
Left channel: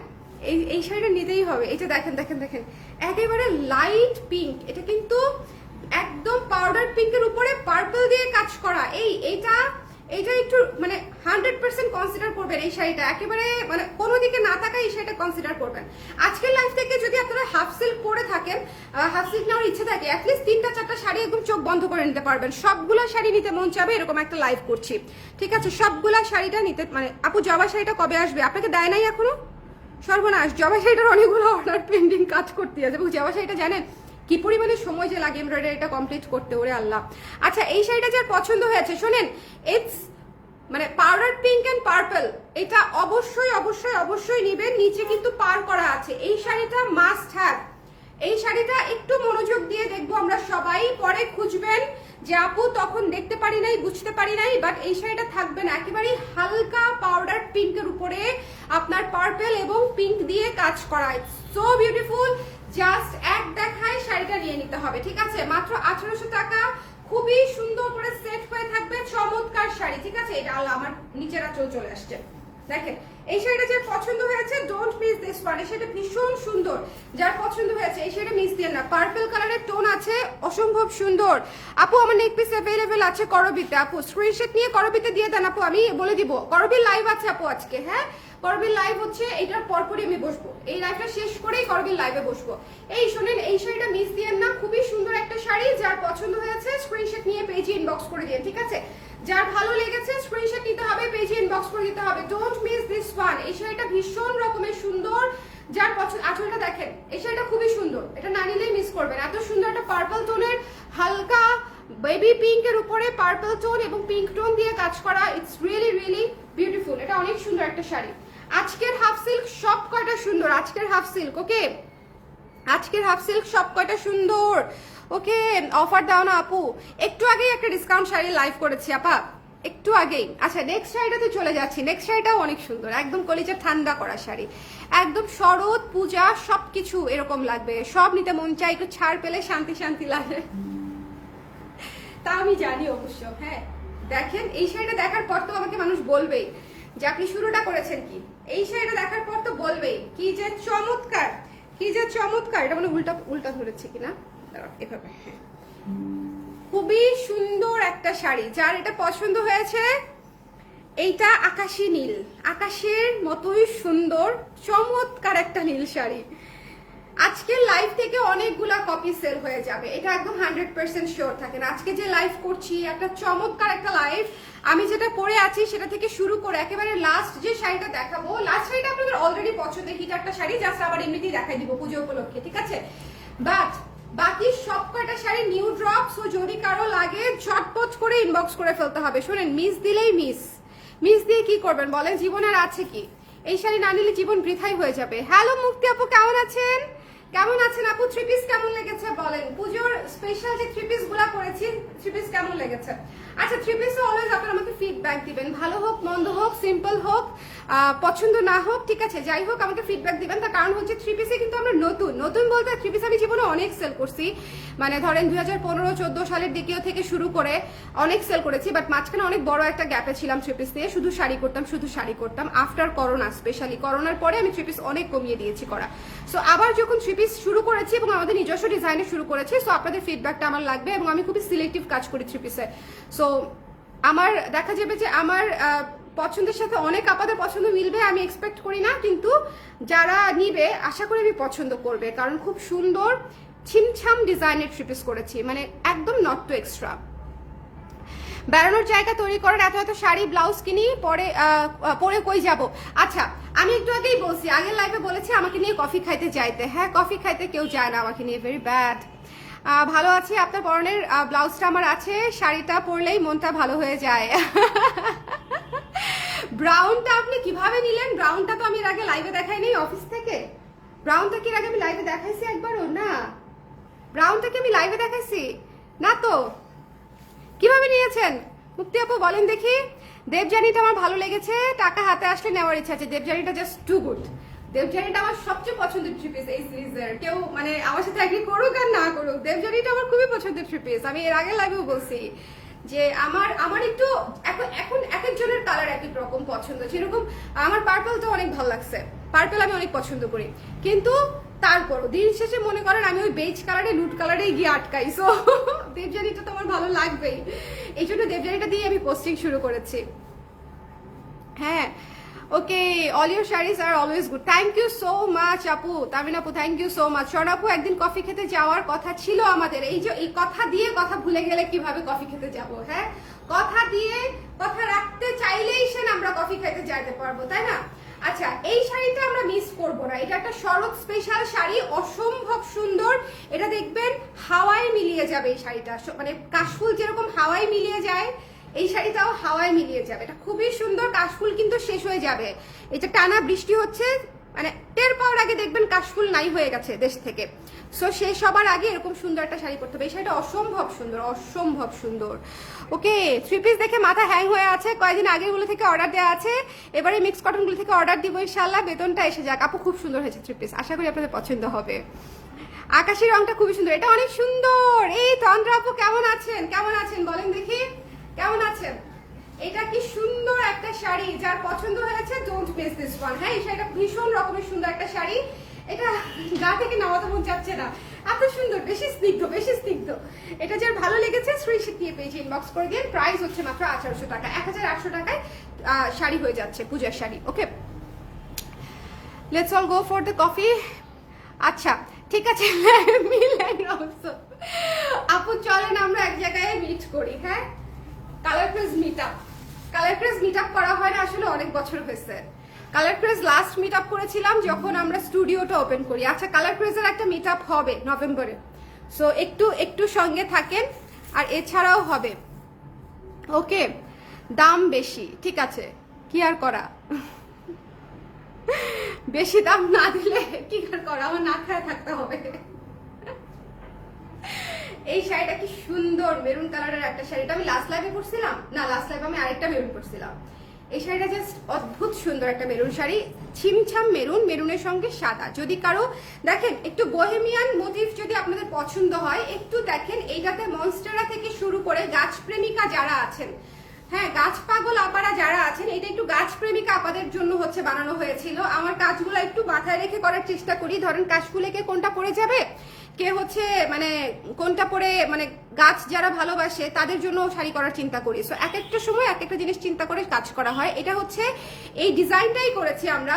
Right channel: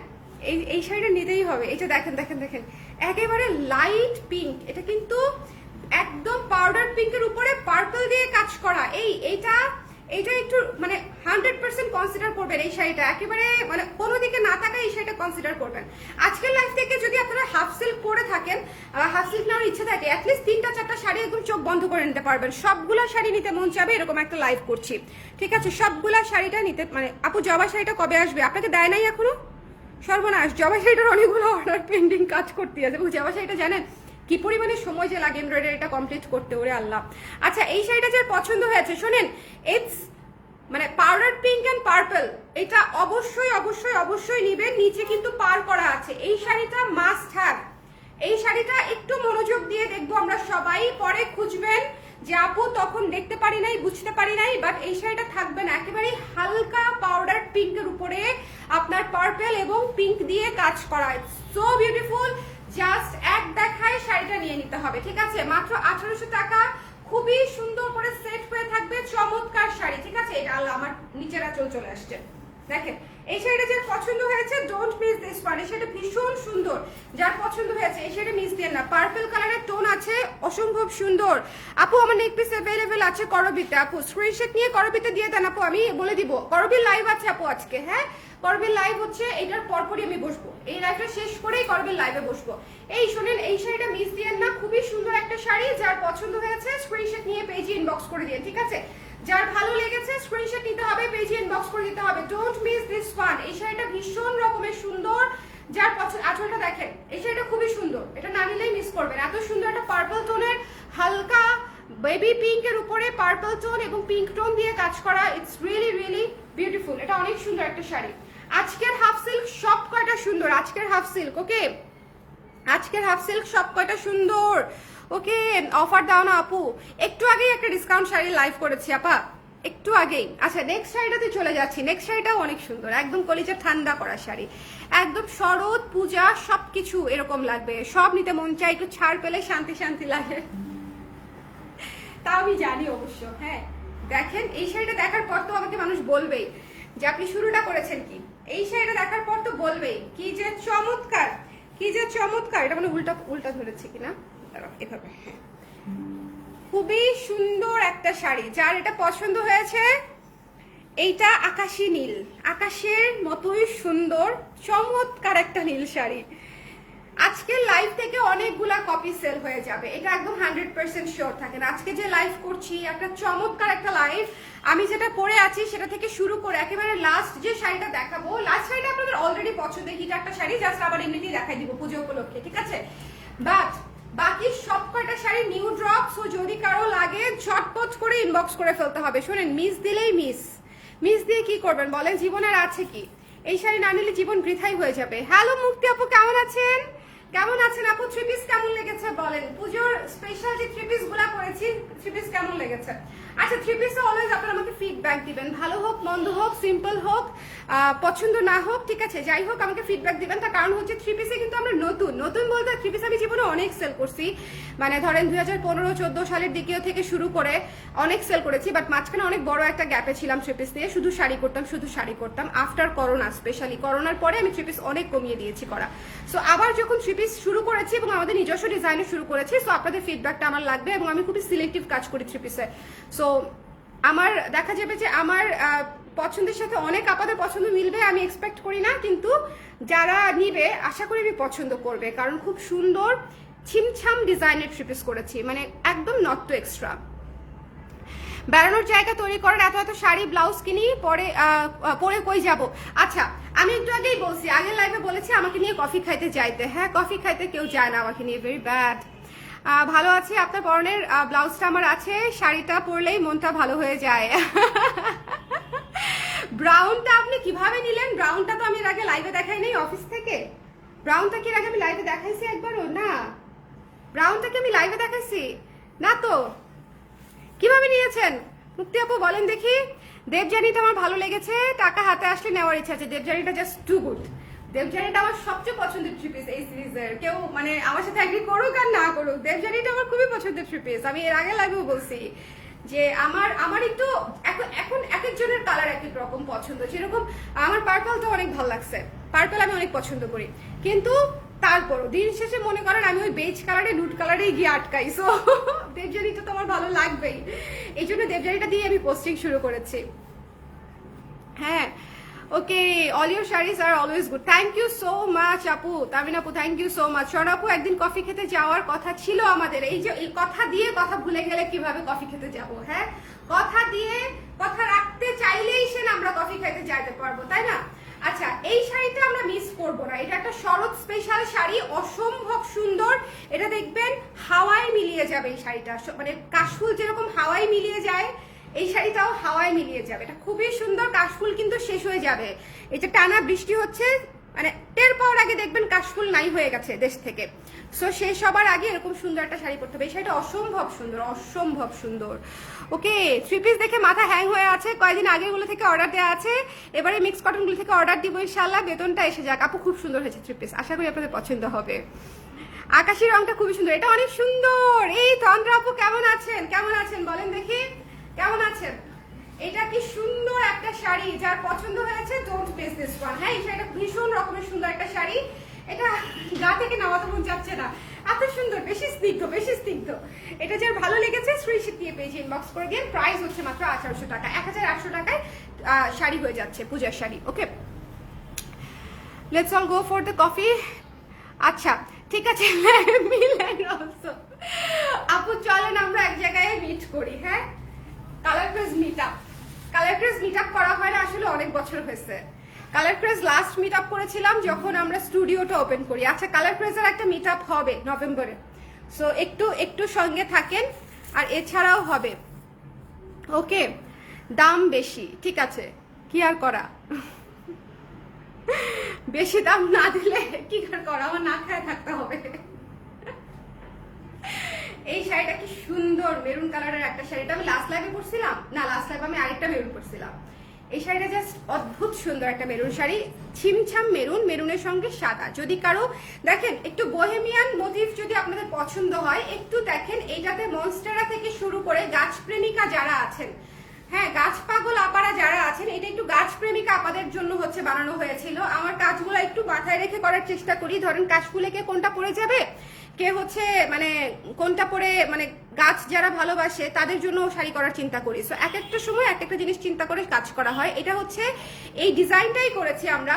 এই শাড়িটা নিতেই হবে। এই যে দেখেন দেখেন দেখেন, একেবারে লাইট পিঙ্ক, এটা কিন্তু একদম পাউডার পিঙ্কের উপরে পার্পল দিয়ে কাজ করা। এইটা একটু মানে 100% কনসিডার করবেন এই শাড়িটা, একেবারে মানে কোনো দিকে না থাকা এই শাড়িটা কনসিডার করবেন। আজকের লাইফ থেকে যদি আপনারা হাফ সিল্ক করে থাকেন, হাফ সিল্ক নেওয়ার ইচ্ছে থাকে, অ্যাটলিস্ট 3-4টা শাড়ি একদম চোখ বন্ধ করে নিতে পারবেন। সবগুলা শাড়ি নিতে মন চাবে, এরকম একটা লাইভ করছি, ঠিক আছে? সবগুলা শাড়িটা নিতে মানে আপু জবা শাড়িটা কবে আসবে? আপনাকে দেয় নাই এখনো? সর্বনাশ, জবা শাড়িটার অনেকগুলো অর্ডার পেন্ডিং, কাজ করতে আছে। এবং জবা শাড়িটা জানেন কি পরিমাণে সময় যে লাগে এমব্রয়ডারিটা কমপ্লিট করতে, ওরে আল্লাহ। আচ্ছা, এই শাড়িটা যার পছন্দ হয়েছে শোনেন, ইটস মানে পাউডার পিঙ্ক এন্ড পার্পল, এটা অবশ্যই অবশ্যই অবশ্যই নিবেন। নিচে কিন্তু পার করা আছে। এই শাড়িটা মাস্ট হ্যাভ। এই শাড়িটা একটু মনোযোগ দিয়ে দেখবো আমরা সবাই, পরে খুঁজবেন যে আপু তখন দেখতে পারি নাই, বুঝতে পারি নাই, বাট এই শাড়িটা থাকবে না। একেবারে হালকা পাউডার পিঙ্কের উপরে আপনার পার্পল এবং পিঙ্ক দিয়ে কাজ করা, সো বিউটিফুল। জাস্ট এক দেখায় শাড়িটা নিয়ে নিতে হবে, ঠিক আছে? মাত্র 1800 টাকা, খুবই সুন্দর করে সেট হয়ে থাকবে, চমৎকার শাড়ি, ঠিক আছে? এটা আল্লাহ আমার নিচের আঁচল চলে আসছে, দেখেন। এই শাড়িটা যার পছন্দ হয়েছে ডোন্ট মিস দিস ওয়ান। এই শাড়িটা ভীষণ সুন্দর, যার পছন্দ হয়েছে এই শাড়িটা মিস দিয়ে না। পার্পল কালারের টোন আছে, অসম্ভব সুন্দর। আপু আমার নেক পিস অ্যাভেলেবেল আছে করবিতে, আপু স্ক্রিনশট নিয়ে করবিতে দিয়ে দেন আপু, আমি বলে দিব। করবির লাইভ আছে আপু আজকে, হ্যাঁ করবির লাইভ হচ্ছে, এটার পরপরই আমি বসবো, এই লাইভটা শেষ করেই করবির লাইভে বসবো। এই শুনেন, এই শাড়িটা মিস দিয়েন না, খুবই সুন্দর একটা শাড়ি। যার পছন্দ হয়েছে স্ক্রিনশট নিয়ে পেজে ইনবক্স করে দিন, ঠিক আছে? যার ভালো লেগেছে স্ক্রিনশট নিতে হবে, পেজে ইনবক্স করে দিতে হবে। Don't miss this one. এই শাড়িটা ভীষণ রকমের সুন্দর, যার পছন্দ। আঁচলটা দেখেন, এই শাড়িটা খুবই সুন্দর, এটা না নিলেই মিস করবেন। এত সুন্দর একটা পার্পল টোনের হালকা বেবি পিঙ্কের উপরে পার্পল টোন এবং পিঙ্ক টোন দিয়ে কাজ করা, ইটস রিয়েলি রিয়েলি বিউটিফুল। এটা অনেক সুন্দর একটা শাড়ি। আজকের হাফ সিল্ক সব কয়টা সুন্দর, আজকের হাফ সিল্ক, ওকে? আজকের হাফ সিল্ক সব কয়টা সুন্দর, ওকে? অফার দাও না আপু, একটু আগেই একটা ডিসকাউন্ট শাড়ি লাইভ করেছি আপা, একটু আগেই। আচ্ছা, নেক্সট শাড়িটাতে চলে যাচ্ছি। নেক্সট শাড়িটাও অনেক সুন্দর, একদম কলিজা ঠান্ডা করা শাড়ি, একদম শরৎ পূজা সবকিছু এরকম লাগবে, সব নিতে মন চাই, একটু ছাড় পেলে শান্তি শান্তি লাগে, তা আমি জানি অবশ্য। হ্যাঁ দেখেন, এই শাড়িটা দেখার পর তো আমাকে মানুষ বলবেই যে আপনি শুরুটা করেছেন কি। এই শাড়িটা দেখার পর তো বলবেই কি যে চমৎকার, কি যে চমৎকার। এটা মানে উল্টা উল্টা ধরেছে কিনা, এভাবে। হ্যাঁ, খুবই সুন্দর একটা শাড়ি। যার এটা পছন্দ হয়েছে, এইটা আকাশী নীল, আকাশের মতোই সুন্দর চমৎকার একটা নীল শাড়ি। আজকের লাইভ থেকে অনেকগুলা কপি সেল হয়ে যাবে, এটা একদম 100% শিওর থাকেন। আজকে যে লাইভ করছি একটা চমৎকার একটা লাইভ, আমি যেটা পরে আছি সেটা থেকে শুরু করে একেবারে লাস্ট যে শাড়িটা দেখাবো, লাস্ট শাড়িটা আপনাদের অলরেডি পছন্দের হিট একটা শাড়ি, জাস্ট আবার এমনিতেই দেখাই দিব পুজো উপলক্ষে, ঠিক আছে? বাট বাকি সব কয়টা শাড়ি নিউ ড্রপ, সো যদি কারো লাগে ঝটপট করে ইনবক্স করে ফেলতে হবে। শোনেন, মিস দিলেই মিস, মিস দিয়ে কি করবেন বলেন? জীবনের আছে কি? এই শাড়ি না নিলে জীবন বৃথাই হয়ে যাবে। হ্যালো মুক্তি আপু, কেমন আছেন? কেমন আছেন আপু? থ্রি পিস কেমন লেগেছে বলেন? পুজোর স্পেশাল যে থ্রি পিস গুলা করেছি, থ্রি পিস কেমন লেগেছে? আচ্ছা, থ্রি পিসে অলওয়েজ আপনারা আমাকে ফিডব্যাক দিবেন, ভালো হোক মন্দ হোক, সিম্পল হোক, পছন্দ না হোক, ঠিক আছে, যাই হোক আমাকে ফিডব্যাক দিবেন। তার কারণ হচ্ছে থ্রি পিসে কিন্তু আমরা নতুন নতুন বলতে, থ্রি পিস আমি জীবনে অনেক সেল করছি, মানে ধরেন 2015-14 সালের দিকেও থেকে শুরু করে অনেক সেল করেছি, বাট মাঝখানে অনেক বড় একটা গ্যাপে ছিলাম থ্রি পিস দিয়ে, শুধু শাড়ি করতাম, শুধু শাড়ি করতাম। আফটার করোনা, স্পেশালি করোনার পরে আমি থ্রি পিস অনেক কমিয়ে দিয়েছি করা। সো আবার যখন থ্রি পিস শুরু করেছি এবং আমাদের নিজস্ব ডিজাইনে শুরু করেছি, সো আপনাদের ফিডব্যাকটা আমার লাগবে এবং আমি খুবই সিলেক্টিভ কাজ করি থ্রি পিসে। সো আমার দেখা যাবে যে আমার পছন্দের সাথে অনেক আপনাদের পছন্দ মিলবে আমি এক্সপেক্ট করি না, কিন্তু যারা নিবে আশা করি আমি পছন্দ করবে, কারণ খুব সুন্দর ছিমছাম ডিজাইনের থ্রি পিস করেছি, মানে একদম নট টু এক্সট্রা। বেড়ানোর জায়গা তৈরি করার এত এত শাড়ি ব্লাউজ কিনি, পরে কই যাব? আচ্ছা, আমি একটু আগেই বলছি, আগের লাইভে বলেছি আমাকে নিয়ে কফি খাইতে যাইতে। হ্যাঁ, কফি খাইতে কেউ যায় না আমাকে নিয়ে, ভেরি ব্যাড। ভালো আছে, আপনার পরনের ব্লাউজটা আমার আছে, শাড়িটা পরলেই মনটা ভালো হয়ে যায়। ব্রাউনটা আপনি কিভাবে নিলেন? ব্রাউনটা তো আমি এর আগে লাইভে দেখাই নাই অফিস থেকে। ব্রাউনটা কি এর আগে আমি লাইভে দেখাইছি একবারও? না, ব্রাউনটা কি আমি লাইভে দেখাইছি না তো। কিভাবে নিয়েছেন মুক্তি আপু বলেন দেখি? দেবজানিটা আমার ভালো লেগেছে, টাকা হাতে আসলে নেওয়ার ইচ্ছা আছে। দেবজানিটা জাস্ট টু গুড। দেবজানিটা আমার সবচেয়ে পছন্দের থ্রি পিস এই সিরিজের, কেউ মানে আমার সাথে এগ্রি করুক আর না করুক, দেবজানিটা আমার খুবই পছন্দের থ্রি পিস। আমি এর আগে লাইভেও বলছি যে আমার একটু এখন এক একজনের কালার এক এক রকম পছন্দ। যেরকম আমার পার্পলটা অনেক ভালো লাগছে, পার্পল আমি অনেক পছন্দ করি, কিন্তু তারপরও দিন শেষে মনে করেন আমি ওই বেজ কালারে নুট কালারেই গিয়ে আটকাই। সো দেবজানিটা তো আমার ভালো লাগবেই, এই জন্য দেবজানিটা দিয়ে আমি পোস্টিং শুরু করেছি। হ্যাঁ okay, all your saris are always good, thank you so much আপু, তামিন আপু থ্যাংক ইউ সো মাচ। শোন আপু, একদিন কফি খেতে যাওয়ার কথা ছিল আমাদের, এই যে এই কথা দিয়ে কথা ভুলে গেলে কিভাবে কফি খেতে যাব? হ্যাঁ, কথা দিয়ে কথা রাখতে চাইলেই সে আমরা কফি খেতে যাইতে পারবো, তাই না? আচ্ছা, এই শাড়িটা আমরা মিস করবো না, এটা একটা শরৎ স্পেশাল শাড়ি, অসম্ভব সুন্দর। এটা দেখবেন হাওয়ায় মিলিয়ে যাবে এই শাড়িটা, মানে কাশফুল যেরকম হাওয়ায় মিলিয়ে যায়, এই শাড়িটাও হাওয়ায় মিলিয়ে যাবে। এটা খুবই সুন্দর, কাশফুল কিন্তু শেষ হয়ে যাবে। এটা টানা বৃষ্টি হচ্ছে, মানে টের পাওয়ার আগে দেখবেন কাশফুল নাই হয়ে গেছে দেশ থেকে। সো শেষ হবার আগে এরকম সুন্দর একটা শাড়ি পরতে হবে। এই শাড়িটা অসম্ভব সুন্দর, অসম্ভব সুন্দর। ওকে, 3 পিস দেখে মাথা হ্যাং হয়ে আছে, কয়েকদিন আগেরগুলো থেকে অর্ডার দেওয়া আছে, এবারে মিক্স কটনগুলো থেকে অর্ডার দিব ইনশাল্লাহ, বেতনটা এসে যাক। আপু খুব সুন্দর হয়েছে 3 পিস, আশা করি আপনাদের পছন্দ হবে। আকাশি রংটা খুবই সুন্দর, এটা অনেক সুন্দর। এই তন্দ্রা আপু কেমন আছেন? কেমন আছেন বলেন দেখি, কেমন আছেন? এটা কি সুন্দর একটা শাড়ি, যার পছন্দ হয়েছে ডোন্ট মিস দিস ওয়ান। হ্যাঁ, এই শাড়িটা ভীষণ রকমের সুন্দর একটা শাড়ি, এটা গা থেকে নামাতে মন যাচ্ছে না, এত সুন্দর, বেশি স্নিগ্ধ, বেশি স্নিগ্ধ। এটা যার ভালো লেগেছে স্ক্রিনশট দিয়ে পেজ ইনবক্স করে দিন। প্রাইস হচ্ছে মাত্র 1800 টাকা, 1800 টাকায় শাড়ি হয়ে যাচ্ছে, পূজার sari. Okay, let's all go for the coffee. আচ্ছা ঠিক আছে আপু, চলেন আমরা এক জায়গায় মিট করি। হ্যাঁ, Colour Craze meet up, Colour Craze meet up করা হয় না আসলে অনেক বছর হয়েছে। Colour Craze last meet up করেছিলাম যখন আমরা স্টুডিওটা ওপেন করি। আচ্ছা, কালার ক্রেজের একটা মিট আপ হবে নভেম্বরে, সো একটু একটু সঙ্গে থাকেন। আর এছাড়াও হবে, ওকে, দাম বেশি, ঠিক আছে, কি আর করা, বেশি দাম না দিলে কি আর করা, আমার না খায় থাকতে হবে। এই শাড়িটা কি সুন্দর, মেরুন কালারের একটা শাড়িটা আমি লাস্ট লাইভে পরছিলাম না, লাস্ট লাইভে আমি আরেকটা মেরুন পরছিলাম। এই শাড়িটা জাস্ট অদ্ভুত সুন্দর একটা মেরুন শাড়ি, ছিমছাম মেরুন, মেরুনের সঙ্গে সাদা। যদি কারো দেখেন একটু বোহেমিয়ান মোটিভ যদি আপনাদের পছন্দ হয়, একটু দেখেন এইটাতে মনস্টেরা থেকে শুরু করে গাছ প্রেমিকা যারা আছেন, হ্যাঁ গাছ পাগল আপারা যারা আছেন, এটা একটু গাছ প্রেমিকা আপাদের জন্য হচ্ছে বানানো হয়েছিল। আমার কাজগুলো একটু মাথায় রেখে করার চেষ্টা করি। ধরেন কাশফুলে কে কোনটা পরে যাবে, কে হচ্ছে মানে কোনটা পরে, মানে গাছ যারা ভালোবাসে তাদের জন্য শাড়ি করার চিন্তা করি। সো এক একটা সময় এক একটা জিনিস চিন্তা করে কাজ করা হয়। এটা হচ্ছে এই ডিজাইনটাই করেছি আমরা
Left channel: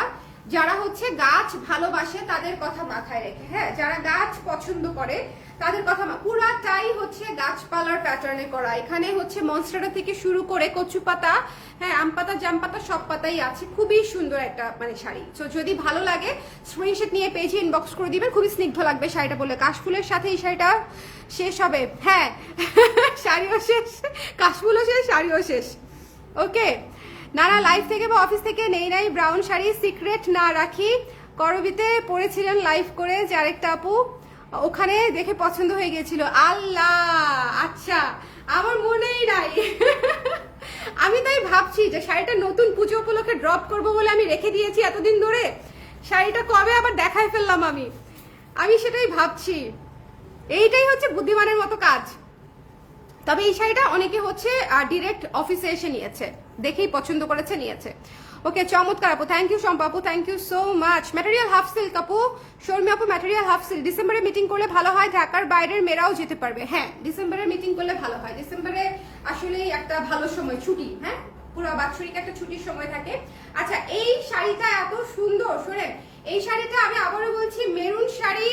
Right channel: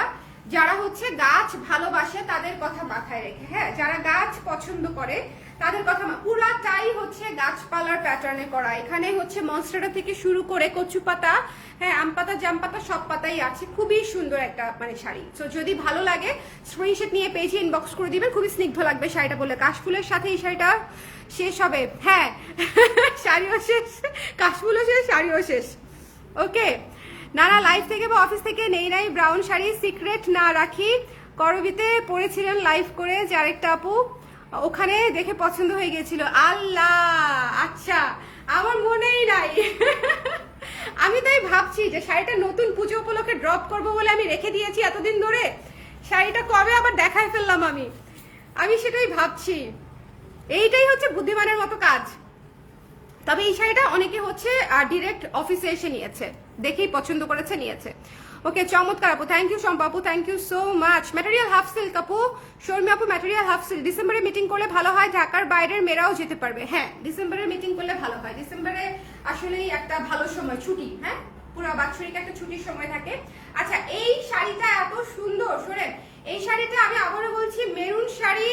যারা হচ্ছে গাছ ভালোবাসে তাদের কথা মাথায় রেখে, হ্যাঁ যারা গাছ পছন্দ করে তাদের কথা, পুরাটাই হচ্ছে গাছপালার প্যাটার্নে করা। এখানে হচ্ছে মনস্টেরা থেকে শুরু করে কচু পাতা, হ্যাঁ আম পাতা, জাম পাতা, সব পাতাই আছে। খুবই সুন্দর একটা মানে শাড়ি। তো যদি ভালো লাগে স্ক্রিনশট নিয়ে পেজে ইনবক্স করে দিবেন, খুবই স্নিগ্ধ লাগবে শাড়িটা বলে। কাশফুলের সাথে এই শাড়িটা শেষ হবে, হ্যাঁ শাড়িও শেষ, কাশফুলও শেষ, শাড়িও শেষ। ওকে, না না লাইভ থেকে বা অফিস থেকে নেই নাই ব্রাউন শাড়ি, সিক্রেট না রাখি, করবিতে পড়েছিলেন লাইভ করে যে আরেকটা আপু, ওখানে দেখে পছন্দ হয়ে গেছিল। আল্লাহ, আচ্ছা আমার মনেই নাই। আমি তাই ভাবছি যে শাড়িটা নতুন পুজো উপলক্ষে ড্রপ করবো বলে আমি রেখে দিয়েছি এতদিন ধরে, শাড়িটা কবে আবার দেখাই ফেললাম আমি সেটাই ভাবছি। এইটাই হচ্ছে বুদ্ধিমানের মতো কাজ। তবে এই শাড়িটা অনেকে হচ্ছে ডিরেক্ট অফিসে এসে নিয়েছে, দেখেই পছন্দ করেছে, নিয়েছে। ওকে, চমৎকার আপু, থ্যাংক ইউ শম্পা আপু, thank you so much. Material half silk আপু, শর্মি আপু ম্যাটেরিয়াল হাফ সিল্ক। ডিসেম্বরে মিটিং করলে ভালো হয়, ঢাকার বাইরের মেয়েরাও যেতে পারবে। হ্যাঁ, ডিসেম্বরে মিটিং করলে ভালো হয়। ডিসেম্বরে আসলেই একটা ভালো সময়, ছুটি, হ্যাঁ পুরো বাৎসরিক একটা ছুটির সময় থাকে। আচ্ছা, এই শাড়িটা এত সুন্দর, শোনেন এই শাড়িটা আমি আবারও বলছি, মেরুন শাড়ি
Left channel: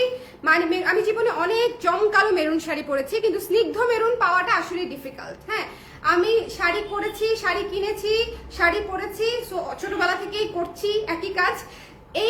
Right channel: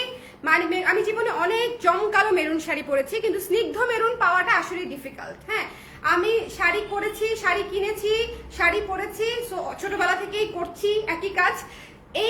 মানে আমি জীবনে অনেক জমকালো মেরুন শাড়ি পরেছি, কিন্তু স্নিগ্ধ মেরুন পাওয়াটা আসলে ডিফিকাল্ট। হ্যাঁ, আমি শাড়ি করেছি, শাড়ি কিনেছি, শাড়ি পরেছি, ছোটবেলা থেকেই করছি একই কাজ।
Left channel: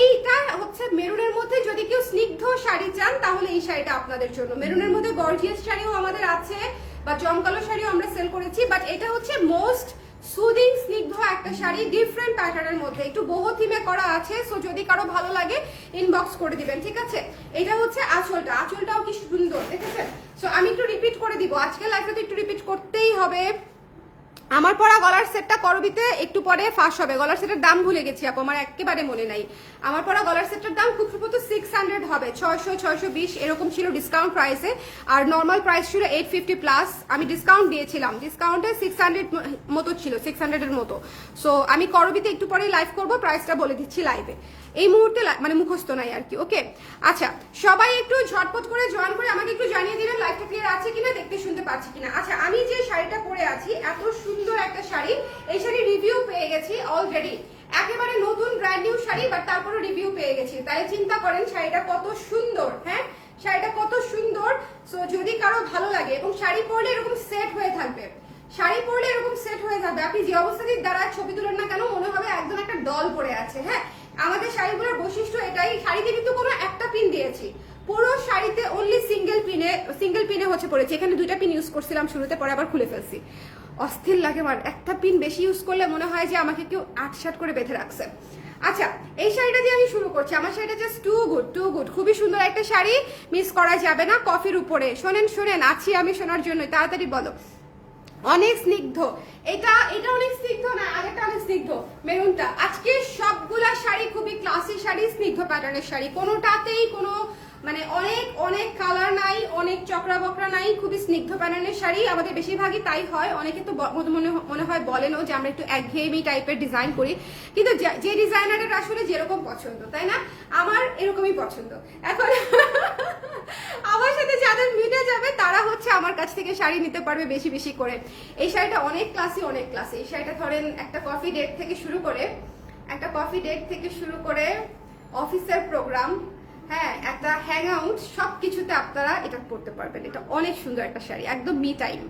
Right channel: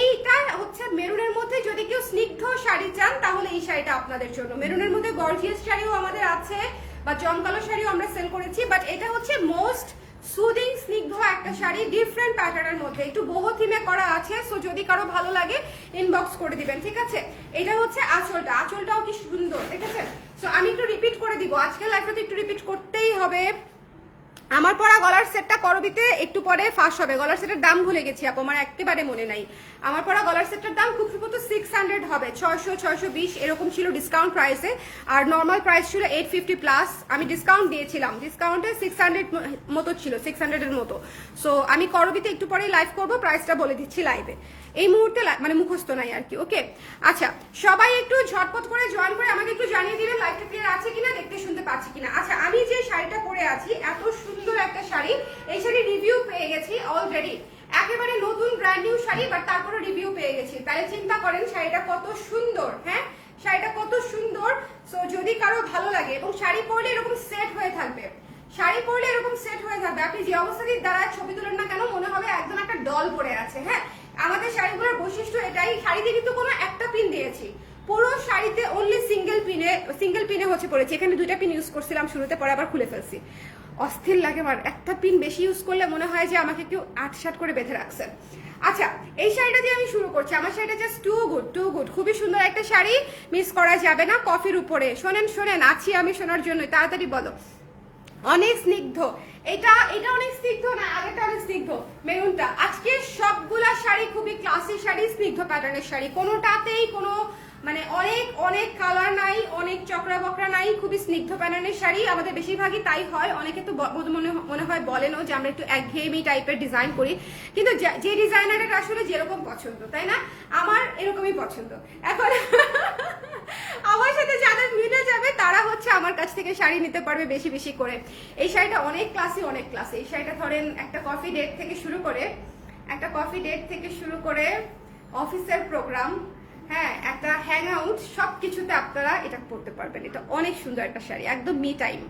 এইটা হচ্ছে মেরুনের মধ্যে যদি কেউ স্নিগ্ধ শাড়ি চান তাহলে এই শাড়িটা আপনাদের জন্য। মেরুনের মধ্যে গর্জিয়াস শাড়িও আমাদের আছে বা জমকালো শাড়িও আমরা সেল করেছি, বাট এটা হচ্ছে মোস্ট সুদিং স্নিগ্ধ একটা শাড়ি, ডিফারেন্ট প্যাটার্নের মধ্যে, একটু বহু থিমে করা আছে। সো যদি কারো ভালো লাগে ইনবক্স করে দিবেন, ঠিক আছে। এটা হচ্ছে আঁচলটা, আঁচলটাও কি সুন্দর দেখেছেন। সো আমি একটু রিপিট করে দিব, আজকে লাইফটাতে একটু রিপিট করতেই হবে। আমার পরা গলার সেটটা করবিতে একটু পরে ফাঁস হবে। গলার সেটের দাম ভুলে গেছি আপু, আমার একেবারে মনে নাই। আমার পরা গলার সেটটার দাম খুব সম্ভবত 600 হবে, 600 620 এরকম ছিল ডিসকাউন্ট প্রাইসে। আর নর্মাল প্রাইস ছিল 850 প্লাস, আমি ডিসকাউন্ট দিয়েছিলাম, ডিসকাউন্টে 600 মতো ছিল, 600 এর মতো। সো আমি করবিতে একটু পরেই লাইভ করবো, প্রাইসটা বলে দিচ্ছি লাইভে। এই মুহূর্তে মানে মুখস্থ নাই আর কি। ওকে আচ্ছা, সবাই একটু ঝটপট করে জয়েন করে আমাকে একটু জানিয়ে দিবেন লাইভটা ক্লিয়ার আছে কিনা, দেখতে শুনতে পাচ্ছি কিনা। আচ্ছা, আমি যে শাড়িটা পরে আছি এত সুন্দর একটা শাড়ি, এই শাড়ি রিভিউ পেয়ে গেছি অলরেডি, একেবারে নতুন ব্র্যান্ড নিউ শাড়ি, বাট তারপরে রিভিউ পেয়ে গেছি। তাহলে চিন্তা করেন শাড়িটা কত সুন্দর। হ্যাঁ, শাড়িটা কত সুন্দর। সো যদি কারো ভালো লাগে, এবং শাড়ি পরলে এরকম সেট হয়ে থাকবে, শাড়ি পরলে এরকম সেট হয়ে যাবে, আপনি যে অবস্থাতেই দাঁড়ায় ছবি তুলেন না কেন মনে হবে একদম একটা ডল পরে আছে। হ্যাঁ, আমাদের শাড়িগুলোর বৈশিষ্ট্য এটাই, শাড়িতে কিন্তু কোনো একটা পিন দিয়েছি, পুরো শাড়িতে অনলি সিঙ্গেল পিনে হচ্ছে পড়েছি। এখানে 2টা পিন ইউজ করছিলাম শুরুতে, পরে আবার খুলে ফেলছি, অস্থির লাগে আমার। একটা পিন বেশি ইউজ করলে মনে হয় যে আমাকে কেউ আটসাট করে বেঁধে রাখছে। আচ্ছা, এই শাড়িটা দিয়ে আমি শুরু করছি। আমার শাড়িটা জাস্ট টু গুড, খুবই সুন্দর একটা শাড়ি, মিস করা যাবে না। কফির উপরে শোনেন আছি আমি শোনার জন্য, তাড়াতাড়ি বলো। অনেক স্নিগ্ধ, এটা অনেক স্নিগ্ধ না, আগেটা অনেক স্নিগ্ধ, মেরুনটা। আজকে সবগুলা শাড়ি খুবই ক্লাসি শাড়ি, স্নিগ্ধ প্যাটার্নের শাড়ি, কোনোটাতেই কোনো মানে অনেক কালার নাই, অনেক চক্রা বকরা নাই, খুবই স্নিগ্ধ প্যাটার্নের শাড়ি। আমাদের বেশিরভাগই তাই হয়, অনেকে তো মনে হয় বলেনও যে আমরা একটু একঘেয়েমি টাইপের ডিজাইন করি, কিন্তু যে ডিজাইনারের আসলে যেরকম পছন্দ, তাই না? আমার এরকমই পছন্দ। এখন আমার সাথে যাদের মিলে যাবে তারা হচ্ছে আমার কাছ থেকে শাড়ি নিতে পারবে বেশি বেশি করে। এই শাড়িটা অনেক ক্লাসি। এই শাড়িটা ধরেন একটা কফি ডেট থেকে শুরু করে অফিসের প্রোগ্রাম, হ্যাঁ, একটা হ্যাং আউট, সবকিছুতে আপনারা এটা পড়তে পারবেন। এটা অনেক সুন্দর একটা শাড়ি, একদম মি টাইম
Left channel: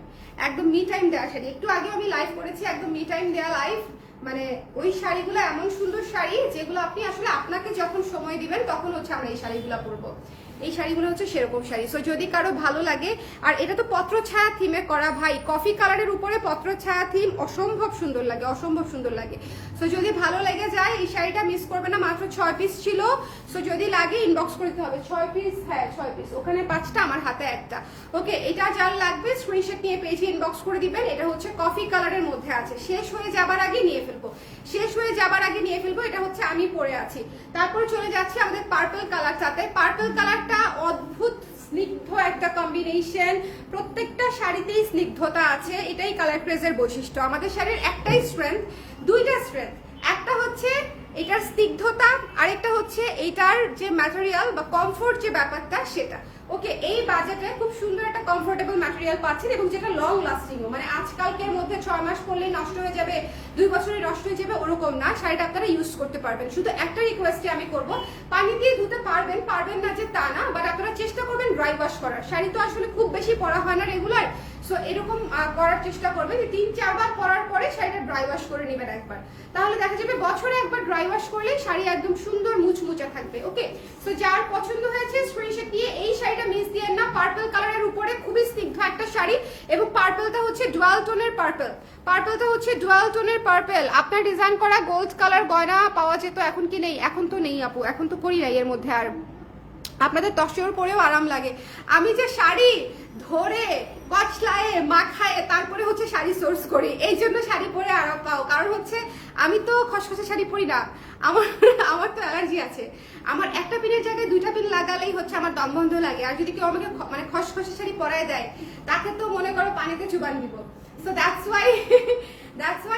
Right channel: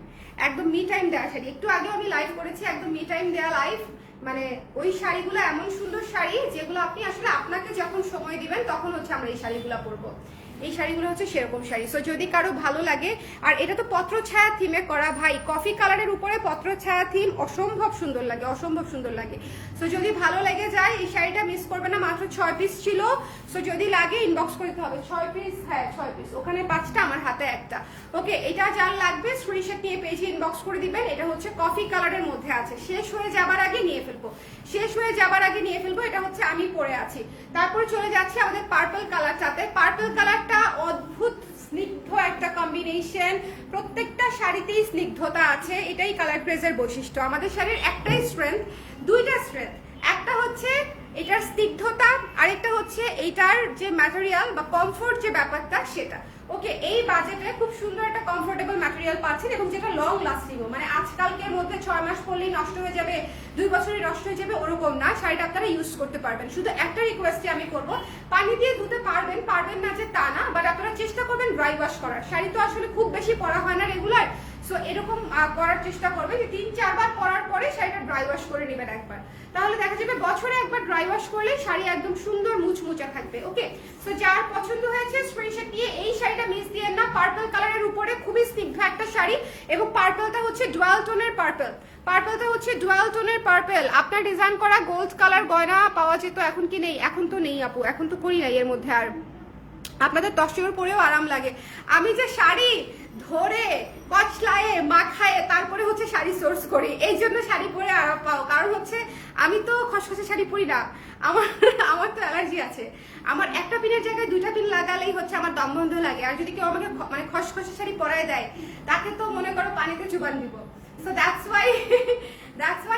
দেওয়া শাড়ি। একটু আগে আমি লাইভ করেছি, একদম মি টাইম দেওয়া লাইভ। মানে ওই শাড়িগুলো এমন সুন্দর শাড়ি যেগুলো আপনি আসলে আপনাকে যখন সময় দিবেন তখন হচ্ছে আমরা এই শাড়িগুলো পরবো। এই শাড়িগুলো হচ্ছে সেরকম শাড়ি। সো যদি কারো ভালো লাগে, আর এটা তো পত্র ছায়া থিমে করা, ভাই কফি কালারের উপরে পত্র ছায়া থিম, অসম্ভব সুন্দর লাগে। সো যদি ভালো লেগে যায় এই শাড়িটা মিস করবে না। মাত্র 6 পিস ছিল, সো যদি লাগে ইনবক্স করতে হবে। 6 পিস, হ্যাঁ 6 পিস, ওখানে 5টা, আমার হাতে একটা। ওকে, এটা যার লাগবে স্ক্রিনশট নিয়ে পেজে ইনবক্স করে দিবেন। এটা হচ্ছে কফি কালারের মধ্যে আছে, শেষ হয়ে যাবার আগে নিয়ে ফেলবো। এটা হচ্ছে আমি পরে আছি। তারপর চলে যাচ্ছে আমাদের পার্পল কালারটাতে। পার্পল কালারটা অদ্ভুত স্নিগ্ধ একটা কম্বিনেশন, প্রত্যেকটা শাড়িতেই স্নিগ্ধতা আছে, এটাই কালার ক্রেজের বৈশিষ্ট্য। আমাদের শাড়ির একটাই স্ট্রেংথ, দুইটা স্ট্রেংথ, একটা হচ্ছে এটার স্নিগ্ধতা, আরেকটা হচ্ছে এটার যে ম্যাটেরিয়াল বা কমফোর্ট যে ব্যাপারটা সেটা। ওকে, এই বাজেটে খুব সুন্দর একটা কমফোর্টেবল ম্যাটেরিয়াল পাচ্ছেন, এবং যেটা লং লাস্টিংও, মানে আজকালকের মধ্যে 6 মাস পরলেই নষ্ট হয়ে যাবে, 2 বছরে নষ্ট হয়ে যাবে ওরকম না। শাড়িটা আপনারা ইউজ করতে পারবেন। শুধু একটা রিকোয়েস্টই আমি করব, পানি দিয়ে ধুতে পারবেন না যে তা না, বাট আপনারা চেষ্টা করবেন ড্রাই ওয়াশ করার। শাড়ি তো আসলে খুব বেশি পরা হয় না রেগুলার, সো এরকম করার চেষ্টা করবেন যে 3-4 বার পরার পরে শাড়িটা ড্রাই ওয়াশ করে নেবেন একবার, তাহলে দেখা যাবে বছরে একবার ড্রাই ওয়াশ করলে শাড়ি একদম সুন্দর মুচমুচা থাকবে। ওকে, সো যার পছন্দ হয়েছে স্ক্রিনশট নিয়ে এই শাড়িটা মিস দিয়েন না। পার্পল কালারের উপরে খুবই স্নিগ্ধ একটা শাড়ি, এবং পার্পলটা হচ্ছে ডুয়াল টোনের পার্পল। আপনার ডিজাইন করা গোল্ড কালার গয়না পাওয়া যেত, এখন কি নেই? এখন তো নেই আপু, এখন তো করি নাই এর মধ্যে। আর আপনাদের তসর পরেও আরাম লাগে। আমি যে শাড়ি ধরে কচলায়ে মাখায়ে তারপরে হচ্ছে শাড়ি সোর্স করি, এই জন্য শাড়ি পরে আরাম পাও। কারণ হচ্ছে আমি তো খসখসে শাড়ি পরি না, আমার তো অ্যালার্জি আছে। আমার একটা পিনের জায়গায় 2টা পিন লাগালেই হচ্ছে আমার দম বন্ধ লাগে। আর যদি কেউ আমাকে মানে খসখসে শাড়ি পরায় দেয়, তাকে তো মনে করো পানিতে চুবান দিব। সো দ্যাটস ওয়াই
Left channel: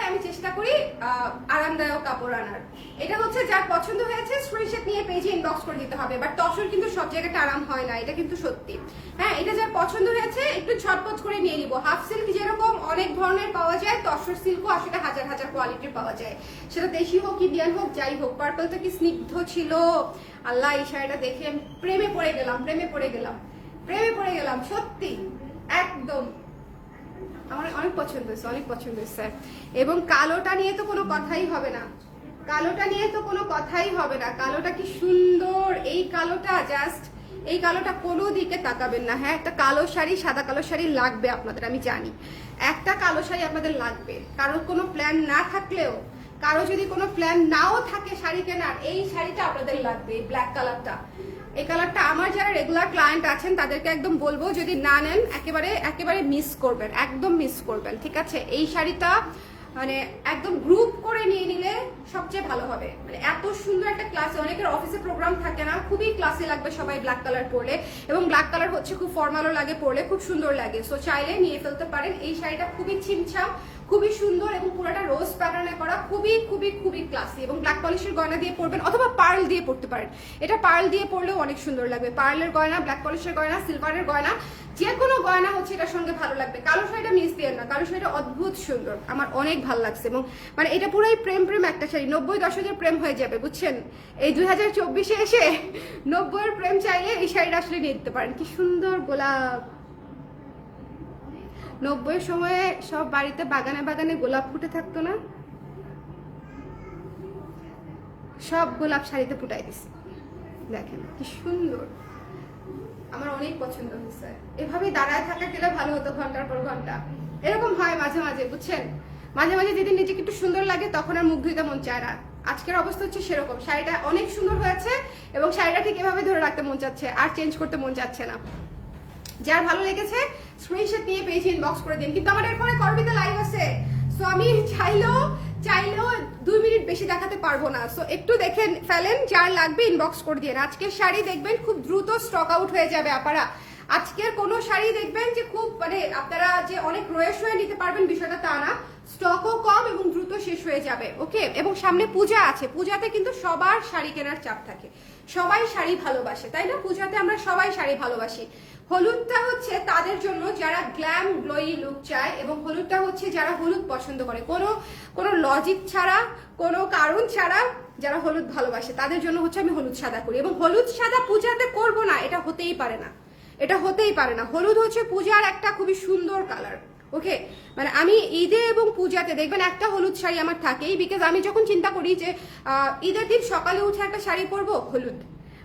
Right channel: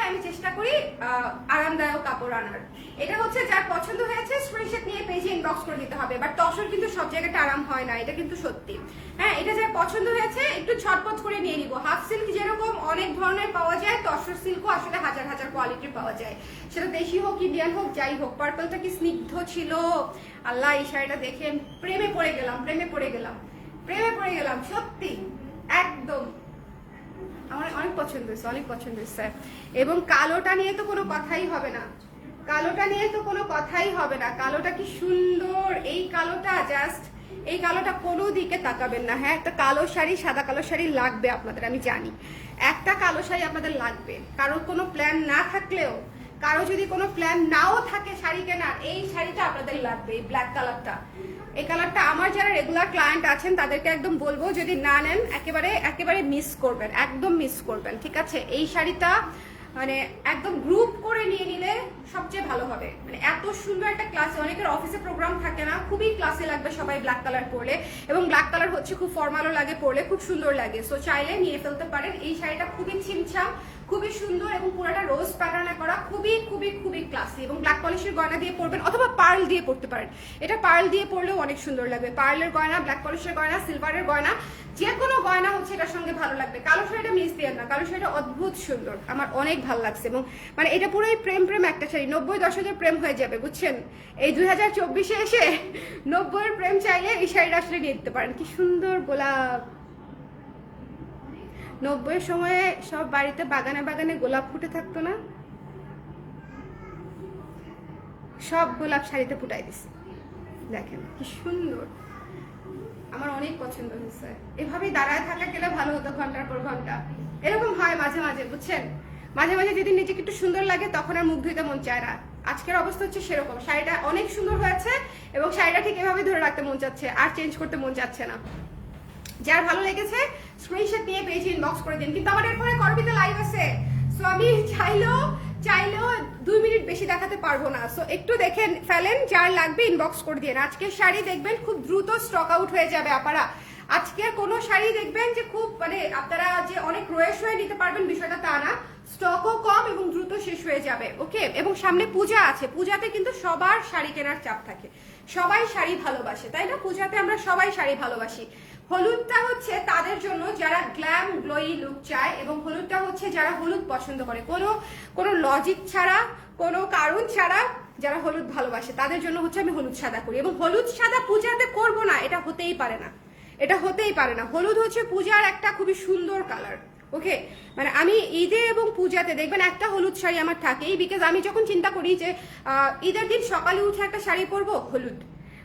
আমি চেষ্টা করি আরামদায়ক কাপড় আনার। এটা হচ্ছে যার পছন্দ হয়েছে স্ক্রিনশট নিয়ে পেজে ইনবক্স করে দিতে হবে। বাট তসর কিন্তু সব জায়গাতে আরাম হয় না, এটা কিন্তু সত্যি। হ্যাঁ, এটা যার পছন্দ হয়েছে একটু ঝটপট করে নিয়ে নিব। হাফ সিল্ক যেরকম অনেক ধরনের পাওয়া যায়, তসর সিল্কও আসলে হাজার কোয়ালিটির পাওয়া যায়, সেটা দেশি হোক ইন্ডিয়ান হোক যাই হোক। পার্পলটা কি স্নিগ্ধ ছিল! আল্লাহ, এই শাড়িটা দেখে প্রেমে পড়ে গেলাম সত্যি, একদম আমার অনেক পছন্দ হয়েছে। এবং কালোটা নিয়ে তো কোনো কথাই হবে না, কালোটা কি সুন্দর! এই কালোটা কোনো দিকে তাকাবেন না। হ্যাঁ, একটা কালো শাড়ি, সাদা কালো শাড়ি লাগবে আপনাদের, আমি জানি একটা কালো শাড়ি আপনাদের লাগবে। কারোর কোনো প্ল্যান না থাকলেও কারো যদি কোনো প্ল্যান নাও থাকে শাড়ি কেনার, এই শাড়িটা আপনাদের লাগবে, এই ব্ল্যাক কালারটা। এই কালারটা আমার যারা রেগুলার ক্লায়েন্ট আছেন তাদেরকে একদম বলবো, যদি না নেন একেবারে মিস করবেন, একদম মিস করবেন, ঠিক আছে? এই শাড়িটা মানে একদম গ্রুপ করে নিয়ে নিলে সবচেয়ে ভালো হবে। মানে এত সুন্দর একটা ক্লাসে, অনেকের অফিসে প্রোগ্রাম থাকে না, খুবই ক্লাসে লাগবে সবাই ব্ল্যাক কালার পরলে, এবং ব্ল্যাক কালার হচ্ছে খুব ফর্মালও লাগে পরলে, খুব সুন্দর লাগে। সো চাইলে নিয়ে ফেলতে পারেন। এই শাড়িটা খুবই ছিমছাম, খুবই সুন্দর এবং পুরোটা রোজ প্যাটার্নে করা, খুবই খুবই খুবই ক্লাসি, এবং ব্ল্যাক পলিশের গয়না দিয়ে পরবেন অথবা পার্ল দিয়ে পরতে পারেন। এটা পার্ল দিয়ে পরলেও অনেক সুন্দর লাগবে। পার্লের গয়না, ব্ল্যাক পলিশের গয়না, সিলভারের গয়না, যে কোনো গয়না হচ্ছে এটার সঙ্গে ভালো লাগবে। কালো শাড়িটা মিস দিয়ে না, কালো শাড়িটা অদ্ভুত সুন্দর, আমার অনেক ভালো লাগছে। এবং মানে এটা পুরোই প্রেম একটা শাড়ি, 90 দশকের প্রেম হয়ে যাবে, বুঝছেন? এই 2024-এ এসে 90-এর প্রেম চাইলে এই শাড়িটা আসলে নিয়ে দিতে পারেন। কি সুন্দর গোলাপ! 90-এর সময়ে সব বাড়িতে বাগানে বাগানে গোলাপ ফুটে থাকতো না, সব গোলাপ শাড়িতে ফুটাই দিছে। দেখেন কি সুন্দর, আমার অনেক পছন্দ হয়েছে। এভাবেই দাঁড়ায় থাকা গেলে ভালো হতো, ঘন্টার পর ঘন্টা। এরকম হয় মাঝে মাঝে, বুঝছেন? মাঝে মাঝে যেদিন নিজেকে একটু সুন্দর লাগে তখন আর মুখ ধুইতে মন চায় না। আজকের অবস্থা হচ্ছে সেরকম। শাড়িটা অনেক সুন্দর হয়েছে এবং শাড়িটা ঠিক এভাবে ধরে রাখতে মন চাচ্ছে, আর চেঞ্জ করতে মন চাচ্ছে না। যার ভালো লেগেছে স্ক্রিনশট নিয়ে পেজে ইনবক্স করে দিন। কিন্তু আমার এরপরে করবিতে লাইভ আছে, সো আমি চাইলেও 2 মিনিট বেশি দেখাতে পারবো না। সো একটু দেখে ফেলেন, যার লাগবে ইনবক্স করে দিন। আজকের শাড়ি দেখবেন খুব দ্রুত স্টক আউট হয়ে যাবে আপারা। আজকের কোনো শাড়ি দেখবেন যে খুব মানে আপনারা যে অনেক রয়ে নিতে পারবেন বিষয়টা তা না, স্টকও কম এবং দ্রুত শেষ হয়ে যাবে। ওকে, এবং সামনে পূজা আছে, পূজাতে কিন্তু সবার শাড়ি কেনার চাপ থাকে, সবাই শাড়ি ভালোবাসে, তাই না? পূজাতে আমরা সবাই শাড়ি ভালোবাসি। হলুদটা হচ্ছে তাদের জন্য যারা গ্ল্যাম গ্লোয়ি লুক চায়, এবং হলুদটা হচ্ছে যারা হলুদ পছন্দ করে, কোনো লজিক ছাড়া, কোনো কারণ ছাড়া যারা হলুদ ভালোবাসে তাদের জন্য হচ্ছে আমি হলুদ সাদা করি। এবং হলুদ সাদা পূজাতে করব না, এটা হতেই পারে না, এটা হতেই পারে না। হলুদ হচ্ছে পূজার একটা খুবই সুন্দর কালার। ওকে, মানে আমি ঈদে এবং পূজাতে দেখবেন একটা হলুদ শাড়ি আমার থাকেই, বিকজ আমি যখন চিন্তা করি যে ঈদের দিন সকালে উঠে একটা শাড়ি পরবো, হলুদ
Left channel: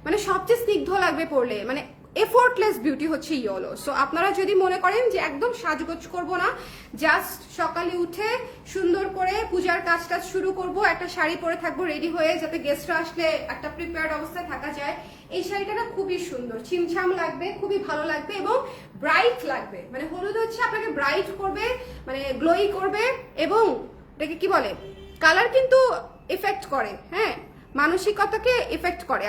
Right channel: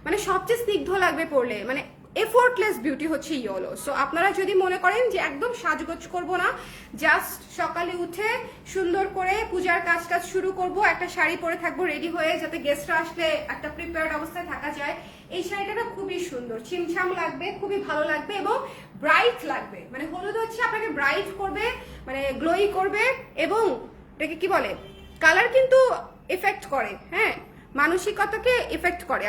মানে সবচেয়ে স্নিগ্ধ লাগবে পরলে, মানে এফোর্টলেস বিউটি হচ্ছে ইয়েলো। সো আপনারা যদি মনে করেন যে একদম সাজগোজ করবো না, জাস্ট সকালে উঠে সুন্দর করে পূজার কাজটা শুরু করব, একটা শাড়ি পরে থাকবো রেডি হয়ে, যাতে গেস্টরা আসলে একটা প্রিপেয়ার্ড অবস্থায় থাকা যায়, এই শাড়িটা না খুবই সুন্দর, ছিমছাম লাগবে, খুবই ভালো লাগবে এবং ব্রাইট লাগবে। মানে হলুদ হচ্ছে আপনাকে ব্রাইট করবে, মানে গ্লোই করবে, এবং এটাকে কি বলে, কালার কিন্তু এফেক্ট করে, হ্যাঁ, মানসিকতাকে এফেক্ট করে।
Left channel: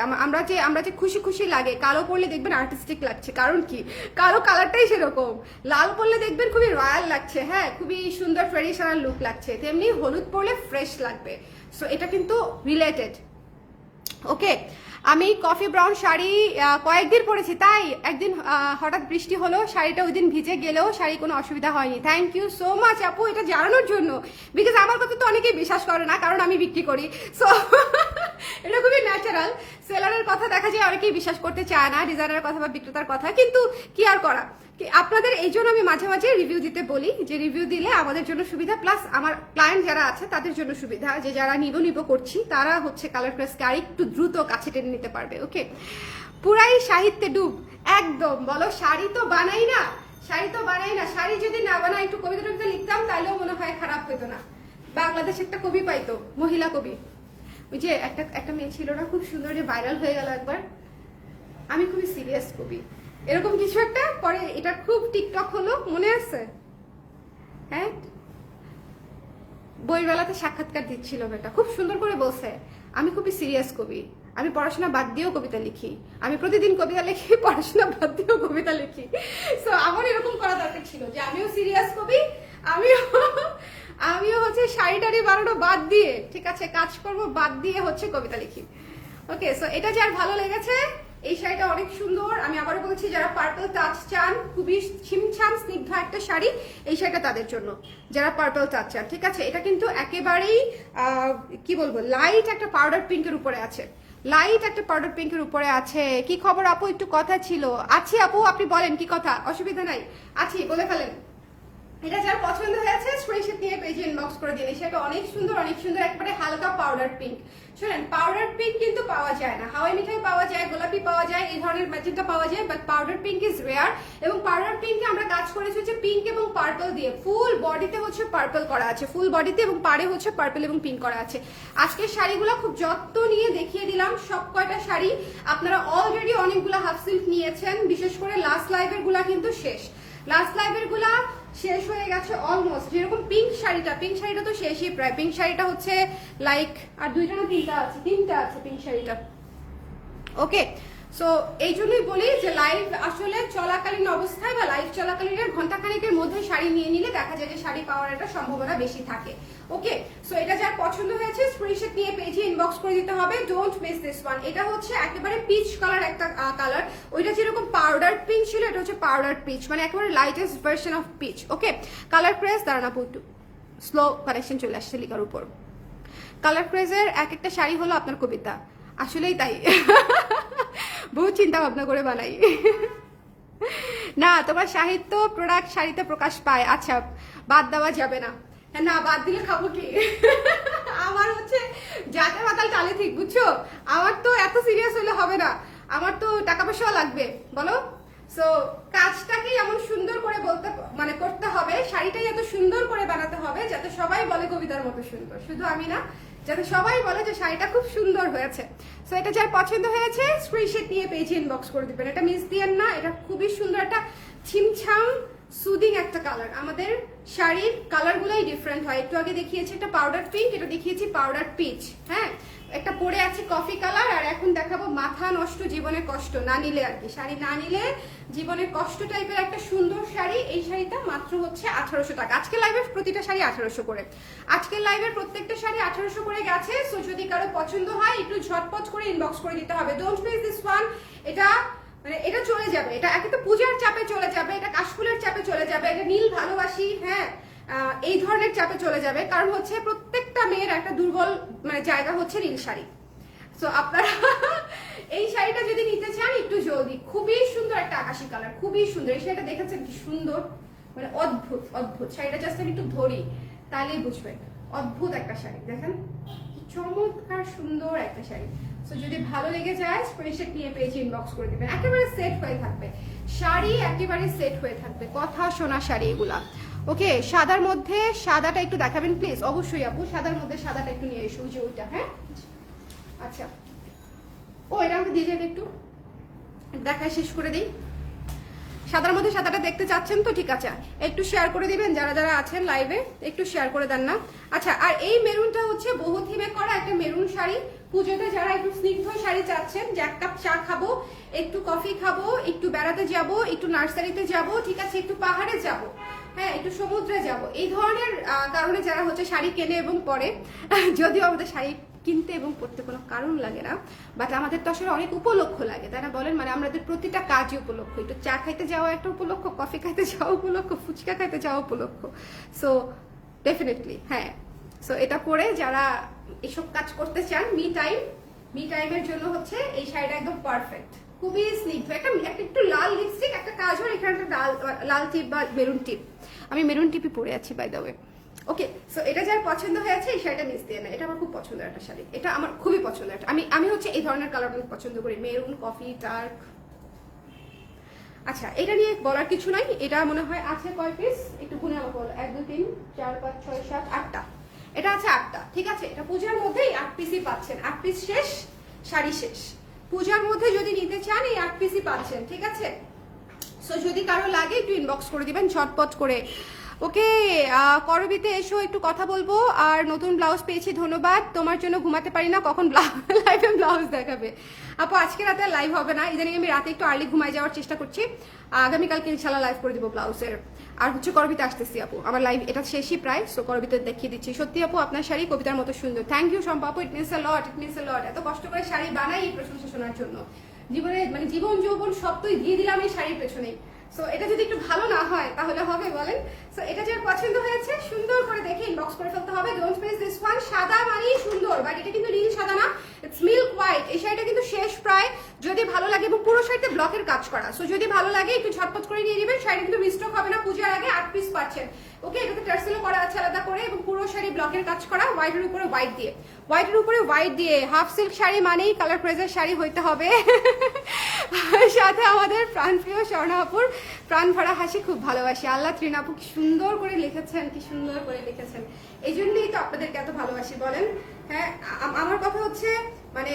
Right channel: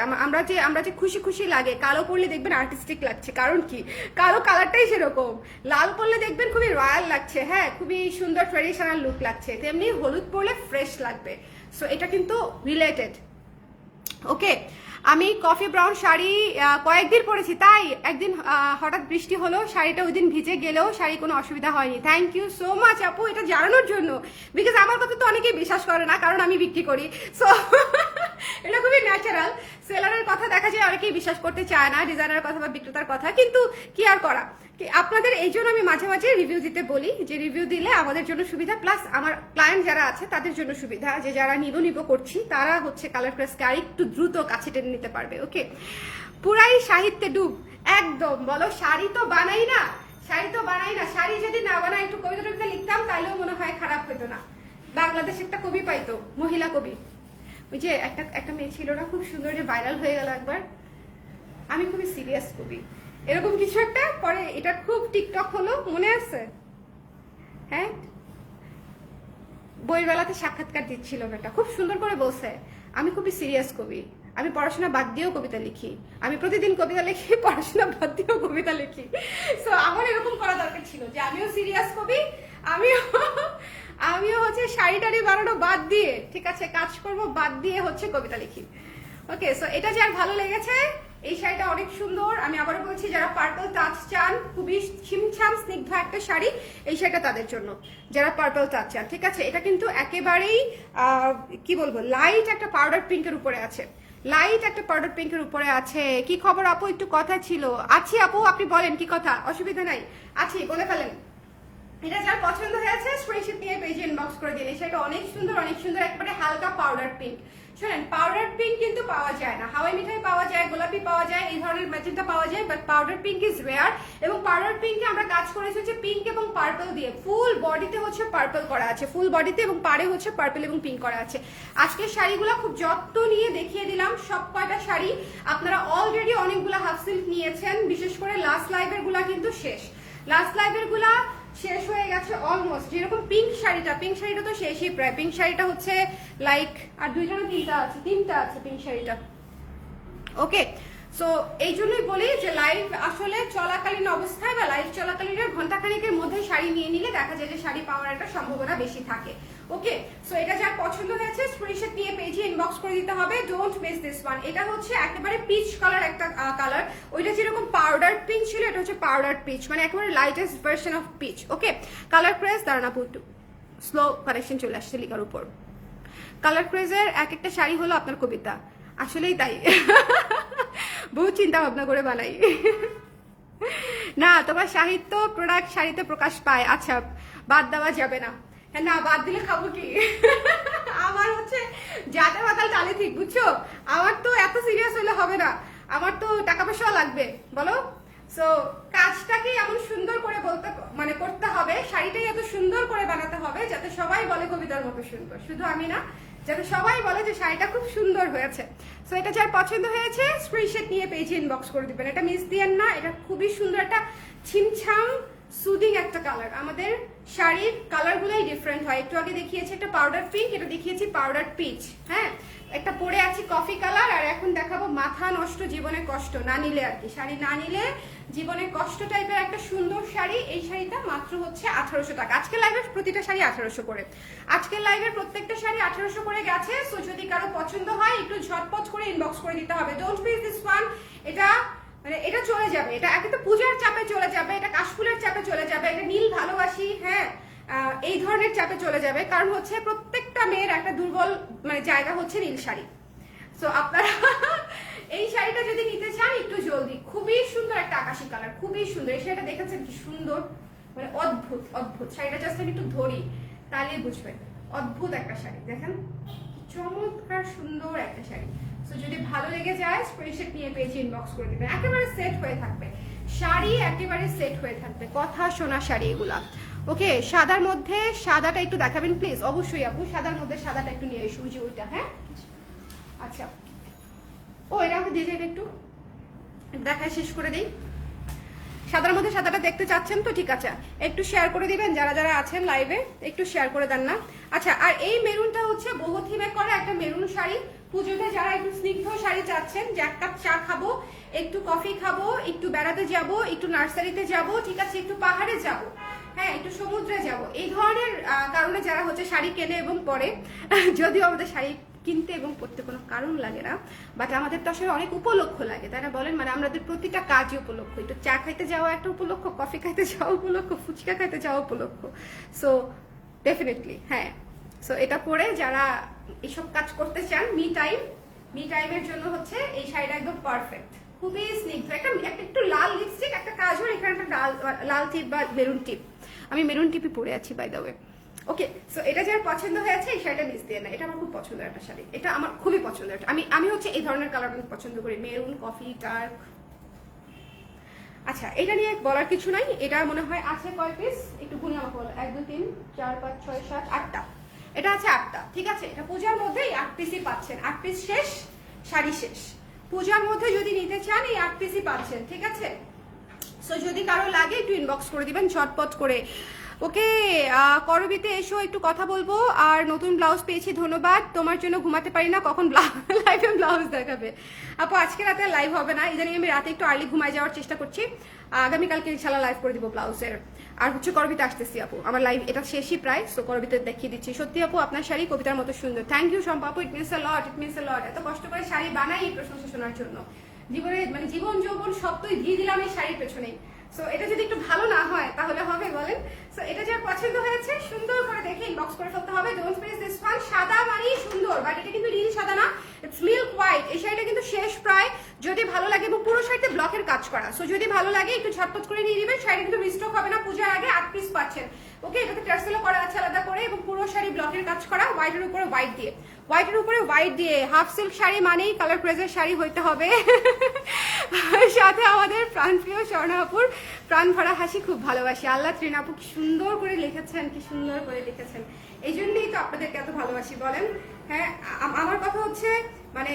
আমরা যে খুশি খুশি লাগে, কালো পরলে দেখবেন আর্টিস্টিক লাগছে, কারণ কি, কালো কালারটাই সেরকম। লাল পরলে দেখবেন খুবই রয়্যাল লাগছে, হ্যাঁ, খুবই সুন্দর ট্রেডিশনাল লুক লাগছে, তেমনি হলুদ পরলে ফ্রেশ লাগবে। সো এটা কিন্তু রিলেটেড। ওকে, আমি কফি ব্রাউন শাড়ি কয়েকদিন পরেছি, তাই একদিন হঠাৎ বৃষ্টি হলো, শাড়িটা ওই দিন ভিজে গেলেও শাড়ি কোনো অসুবিধা হয়নি। থ্যাংক ইউ সো মাচ আপু এটা জানানোর জন্য, বিকজ আমার কথা তো অনেকেই বিশ্বাস করে না, কারণ আমি বিক্রি করি। সো এটা খুবই ন্যাচারাল। সেলারের কথা দেখা যায় অনেকেই বিশ্বাস করতে চায় না, ডিজাইনারের কথা বা বিক্রেতার কথা, কিন্তু কি আর করা, আপনাদের এই জন্য আমি মাঝে মাঝে রিভিউ দিতে বলি, যে রিভিউ দিলে আমাদের জন্য সুবিধা, প্লাস আমার ক্লায়েন্ট যারা আছে তাদের জন্য সুবিধা, যে যারা নিব করছি তারা হচ্ছে কালার প্রেসকে আর একটু দ্রুত কাছে টেনে নিতে পারবে। ওকে, পুরাই সাহিত্যে ডুব, একদম বলো, শাড়ি তো বানাই না, শাড়ি যদি না বানাই, একটু কবিতা টবিতা লিখতাম তাইলেও মনে হয় খারাপ হইতো না। বাংলাদেশ একটা কবি পাইতো, মহিলা কবি, ওই যে একটা মেয়ে ছিল না, খুব সুন্দর, যে ভাইরাল হয়ে গেল একবার, আমি খুবই সিরিয়াস কবি, এরকম কিছু একটা, পরে এটা খুব টিকটক হলো, মনে আছে? হ্যাঁ, বইমেলাতে সাক্ষাৎকার দিচ্ছিল মেয়েটা, খুব সুন্দর করে বলছে আমি খুবই সিরিয়াস কবি, আমি পড়াশোনা বাদ দিয়েও কবিতা লিখি, আমি প্রতিদিন কবিতা লিখি, পড়াশোনা বাদ দিয়েও কবিতা লিখি। সো আমার এরকম করা দরকার ছিল, যে আমিও সিরিয়াস কবি, আমিও হচ্ছে শাড়ি টাড়ি বানানো বাদ দিয়ে, ঠিক আছে, কাজকর্ম বাদ দিয়ে হচ্ছে কবিতা লিখি। ওকে, সো এটা যার ভালো লেগেছে, এই শাড়িটা অনেক সুন্দর। আমি আবারও বলছি, যারা পার্পল টাচ চান, খুবই ছিমছাম স্নিগ্ধ একটা শাড়ি, এই শাড়িটা তাদের জন্য, যারা পার্পল টাচ চান, ঠিক আছে। এটা কিন্তু একেবারেই কি বলবো, লাইট একটা পাউডার পিঙ্কের উপরে আছে, কি খবর আপু, একটু কথা ছিল? আছি আপু, আপনি বলেন কি কথা, অসুবিধা নাই, আছি, বলে ফেলেন। এটা যার পছন্দ হয়েছে স্ক্রিনশট নিয়ে পেজে ইনবক্স করে দিন। সেটা অনেক সুন্দর একবারে হালকা পাউডার পিঙ্ক। শুনেন, পাউডার পিঙ্ক কিন্তু পাওয়া যায় না, হাওয়াই মিঠাই পাওয়া যায়, গোলাপি পাওয়া যায়, এই ধরনের ম্যাজেন্টা পাওয়া যায়, but powder pink is rare. এবং পাউডার পিঙ্কে আমরা কাজ করেছি হচ্ছে পিঙ্ক এবং পার্পল দিয়ে, ফুল বডিতে হচ্ছে পার্পল করা আছে, ফুল বডিতে, এবং পাড়ে হচ্ছে পার্পল এবং পিঙ্ক করা আছে। আজকের শাড়িগুলো খুব যত্ন নিয়ে দেখিয়ে দিলাম সব কয়টা শাড়ি। আপনারা অলরেডি অনেকগুলো হাফ সিল্ক নিয়েছেন, বিশেষ করে লাস্ট লাইভের গুলা কিন্তু শেষ, লাস্ট লাইভের গুলা শেষ হয়ে গেছে অলমোস্ট। যেরকম পিঙ্ক শাড়িটা তো শেষই প্রায়। পিঙ্ক শাড়িটা হচ্ছে লাইক আর দুইটা না তিনটা আছে পিঙ্ক শাড়িটা। ওকে, সো এই জন্যই বলি যে লাইভ আসলে চলাকালীন অবস্থায় বা লাইভ চলাকালীন ঘন্টাখানিকের মধ্যে শাড়ি নিয়ে নিলে দেখা যায় যে শাড়ি পাওয়ার একটা সম্ভাবনা বেশি থাকে। ওকে, সো এটা যার পছন্দ হয়েছে স্ক্রিনশট নিয়ে পেজে ইনবক্স করে দিতে হবে, ডোন্ট মিস দিস ওয়ান। এটা হচ্ছে একেবারে পিচ কালার একটা কালার, ওইটা যেরকম পাউডার পিঙ্ক ছিল, এটা হচ্ছে পাউডার পিচ, মানে একেবারে lightest version of peach. Okay, Colour Craze দাঁড়ান আপু, একটু স্লো কানেকশন চলে আসছে লিকার উপর। কালার ক্রেজের এক একটা শাড়ি হলো আপনার কবিতা, আসলেই তাই। বহুত চিন্তা ভাবনা করে বানাই। না, তোমার সাহিত্য প্রোডাক্ট শাড়িতে প্রকাশ পায়, আচ্ছা বাদ দেওয়া যাবে না। হ্যাঁ, না বাদ দিলে খাবো কি? আমার হচ্ছে যাতে মাতাল তালে ঠিক, বুঝছো? আমার তো এত সিরিয়াস হলে হবে না, আমার তো টাকা পয়সা লাগবে, বলো। সো কাজটাকে এমন সুন্দর করে করতে হবে, শাড়িটাই এত সুন্দর করে বানাতে হবে যাতে সবাই বলে কবিতার মতো সুন্দর, শুধু আমি না, যাতে সবাই বলে যে শাড়িটা খুব সুন্দর হয়েছে। সো এটা যার পছন্দ হয়েছে স্ক্রিনশট নিয়ে পেজে ইনবক্স করে দিবেন, এটা মিস দিয়েন না। এটা খুবই সুন্দর একটা ছিমছাম সুদিং একটা কালার। আমাদের শাড়ির কালারগুলোই ডিফারেন্ট হয়। একটু আগে দেখিয়েছি একটা পাউডার পিঙ্ক, এটা দেখিয়েছি পাউডার পিচ, হ্যাঁ, একটা পরে আছে কফি কালার, আর এখন দেখাবো মাথা নষ্ট জীবনের কষ্ট না নিলে আর কি, শাড়ি না নিলে জীবনের কষ্ট টাইপের একটা সুন্দর শাড়ি। এই শাড়িটা মাত্র হচ্ছে 1800 টাকা। আজকের লাইভের প্রতিটা শাড়ি 1800 করে, আজকের লাইভের প্রত্যেকটা শাড়ি 1800 করে গেছে। সো যদি কারো পছন্দ হয় একটু ঝটপট করে ইনবক্স করে দিতে হবে, ডোন্ট মিস দিস ওয়ান। এটা মানে এটা চলে যাবে, এটা একে তো পূজার চাপে চলে যাবে, এটা কাশফুলের চাপে চলে যাবে, এটা নীল ভালোবাসি, হ্যাঁ, এই ধরনের চাপে চলে যাবে। কারণ হচ্ছে প্রত্যেকটা মেয়ের একটা দুর্বল জায়গা হচ্ছে নীল শাড়ি। সো আপনারা এই শাড়িটা যদি নিতে চান একটু জলদি, খুবই সুন্দর একটা আকাশি কালার, খুবই সুন্দর। এই শাড়িটা দেখেছেন কি সুন্দর, মানে অদ্ভুত শাড়িটা। জাস্ট আমি একটু ধরি তাহলেই বুঝবেন, অদ্ভুত একটা শাড়ি, দেখেন চমৎকার সুন্দর একটা শাড়ি। সো যদি ভালো লেগে যায় স্ক্রিনশট নিয়ে পেজে ইনবক্স করে দিবেন। একেবারে সেট হয়ে থাকবে শাড়ি, একেবারে সেট হয়ে থাকবে, কথা শোনা শাড়ি এগুলা। ওকে, সাদার মধ্যে সাদাটা একটু দেখাবেন প্লিজ, অবশ্যই আপু, সাদার মধ্যে সাদাটা একটু নিয়ে এসো, যে ওইটা, হ্যাঁ আচ্ছা। ও এটা আমাকে দিয়ে যাবে, একটু দেখা শেষ করে দিই। সাদার মধ্যে সাদাটা দেখতে চাচ্ছেন তো, ঠিক আছে, একটু শেয়ার করে দিবেন যারা যারা আছেন লাইভে, একটু শেয়ার করে দেন না। আচ্ছা, আর এই মেরুনটা হচ্ছে বহু থিমে করা একটা মেরুন শাড়ি। পুজোতে যারা একটু স্নিগ্ধ শাড়ি চাচ্ছেন, যে এক কাপ চা খাবো, একটু কফি খাবো, একটু বেড়াতে যাব, একটু নার্সারিতে যাব, ঠিক আছে, একটু পাহাড়ে যাব, হ্যাঁ, একটু সমুদ্রে যাব, এই ধরনের কারণে যারা হচ্ছে শাড়ি কেনে এবং পরে, যদিও আমাদের শাড়ি কিনতে এবং পড়তে কোনো কারণ লাগে না, বাট আমাদের তো আসলে অনেক উপলক্ষ লাগে, তাই না বলেন? মানে আমাদের প্রতিটা কাজই উপলক্ষ, একটু চা খাইতে যাওয়া একটা উপলক্ষ, কফি খাইতে যাওয়া উপলক্ষ, ফুচকা খাইতে যাওয়া উপলক্ষ। সো ডেফিনেটলি, হ্যাঁ, সো এটা পরে যারা এসব কাজ করতে চান, মি টাইমের জন্য হচ্ছে এই শাড়িটা একদম পারফেক্ট, খুবই স্নিগ্ধ। একটু লাল লিপস্টিক, একটা কাজল, এখানে একটা লাল টিপ বা মেরুন টিপ, আমি মেরুন টিপই পরে আছি by the way. Okay, so এটা যার পছন্দ হয়েছে এই শাড়িটা মিস দিয়ে না, এটা আমার খুব পছন্দের একটা শাড়ি, এটা আমার খুবই পছন্দের। আমি হচ্ছে এই ধরনের কালার অনেক পছন্দ করি, মেরুন, কফি, ডার্ক। আচ্ছা, এটা নিয়ে বলার কিছু নাই, এটা মনে হয় আছে কয় পিস, একটু গুনে আমাকে বলো, 1 2 3 4 5 6 7 8টা, এটা আছে 8টা, ঠিক আছে। এটা পূজার মধ্যেই 8 পিসই পাচ্ছেন, 8 পিস শেষ, শাড়ি শেষ। পূজার মধ্যে যদি নিতে চান এই 8 পিসই পাচ্ছেন, ঠিক আছে। সো যদি কারো লাগে একটু ইনবক্স করে দিবেন ঝটপট করে। ওকে, করবিতে এসো, একটু কথা বলবো। আর নতুন ব্লাউজ পেয়েছি, ধন্যবাদ। তোমার জন্য ঘুমাতে পারি না, কখন লাইভে ব্লাউজ দেখাবে? আপু আজকে রাতে আর লাইভ হবে না, ইদানিং আমি রাতে একটু আর্লি ঘুমায় যাওয়ার চেষ্টা করছি। আগামীকালকে ইনশাল্লাহ লাইভ করে দিব ব্লাউজের। আর হচ্ছে করবিতে আসতেছি আপু, আমার লাইভ এটা শেষই প্রায়, সো করবিতে দেখিয়ে দিচ্ছি। সত্যি আপু আপনার শাড়ি কবিতার মতো সুন্দর, থ্যাংক ইউ শম্পা আপু, it means a lot, it means a লট। এত কষ্ট করে শাড়ি বানাই এই প্রশংসা শোনার জন্য, জীবনে মানে জীবন যৌবন সব তো দিয়ে দিলাম এই শাড়ির পেছনে। সো এটা যদি একটু ভালো না হয় তাহলে হবে বলেন? সো এটা যার পছন্দ হয়েছে সুন্দর করে দেখে ইনবক্স করে ফেলতে হবে, ডোন্ট মিস দিস ওয়ান। সাদা মানেই সুন্দর, বাট এটা কিন্তু নীল সাদা না, ইটস মিল্ক হোয়াইট। এই শাড়িটা কিন্তু শেষ প্রায়, যদি ভালো লাগে, এবং পুরো শাড়িতে ব্লকের কাজ করা। সো যদি ভালো লাগে একটু ঝটপট করে নিয়ে নেবেন, শাড়িটা কিন্তু মিস্টেক হবে না। পূজার আগে 8 পিস পাচ্ছেন, ওকে, এটাতে টার্সেলও করা আছে আলাদা করে, এবং পুরো শাড়ি ব্লকের কাজ করা, হোয়াইটের উপরে হোয়াইট দিয়ে, হোয়াইটের উপরে হোয়াইট দিয়ে। হাফ সিল্ক শাড়ি মানেই কালার প্রেজের শাড়ি হইতে হবে। সাথে আমাদের প্রাণপ্রিয় স্বর্ণাপুর প্রাণ ভরা হাসি খুব ভালোবাসি। আল্লাহ ত্রিনাপু কি সুন্দর করে লিখেছেন, কি সুন্দর করে লিখেছেন, এই জন্যই তো আপনাদেরকে এত ভালোবাসি বলেন। হ্যাঁ, আমার কথা হচ্ছে মানে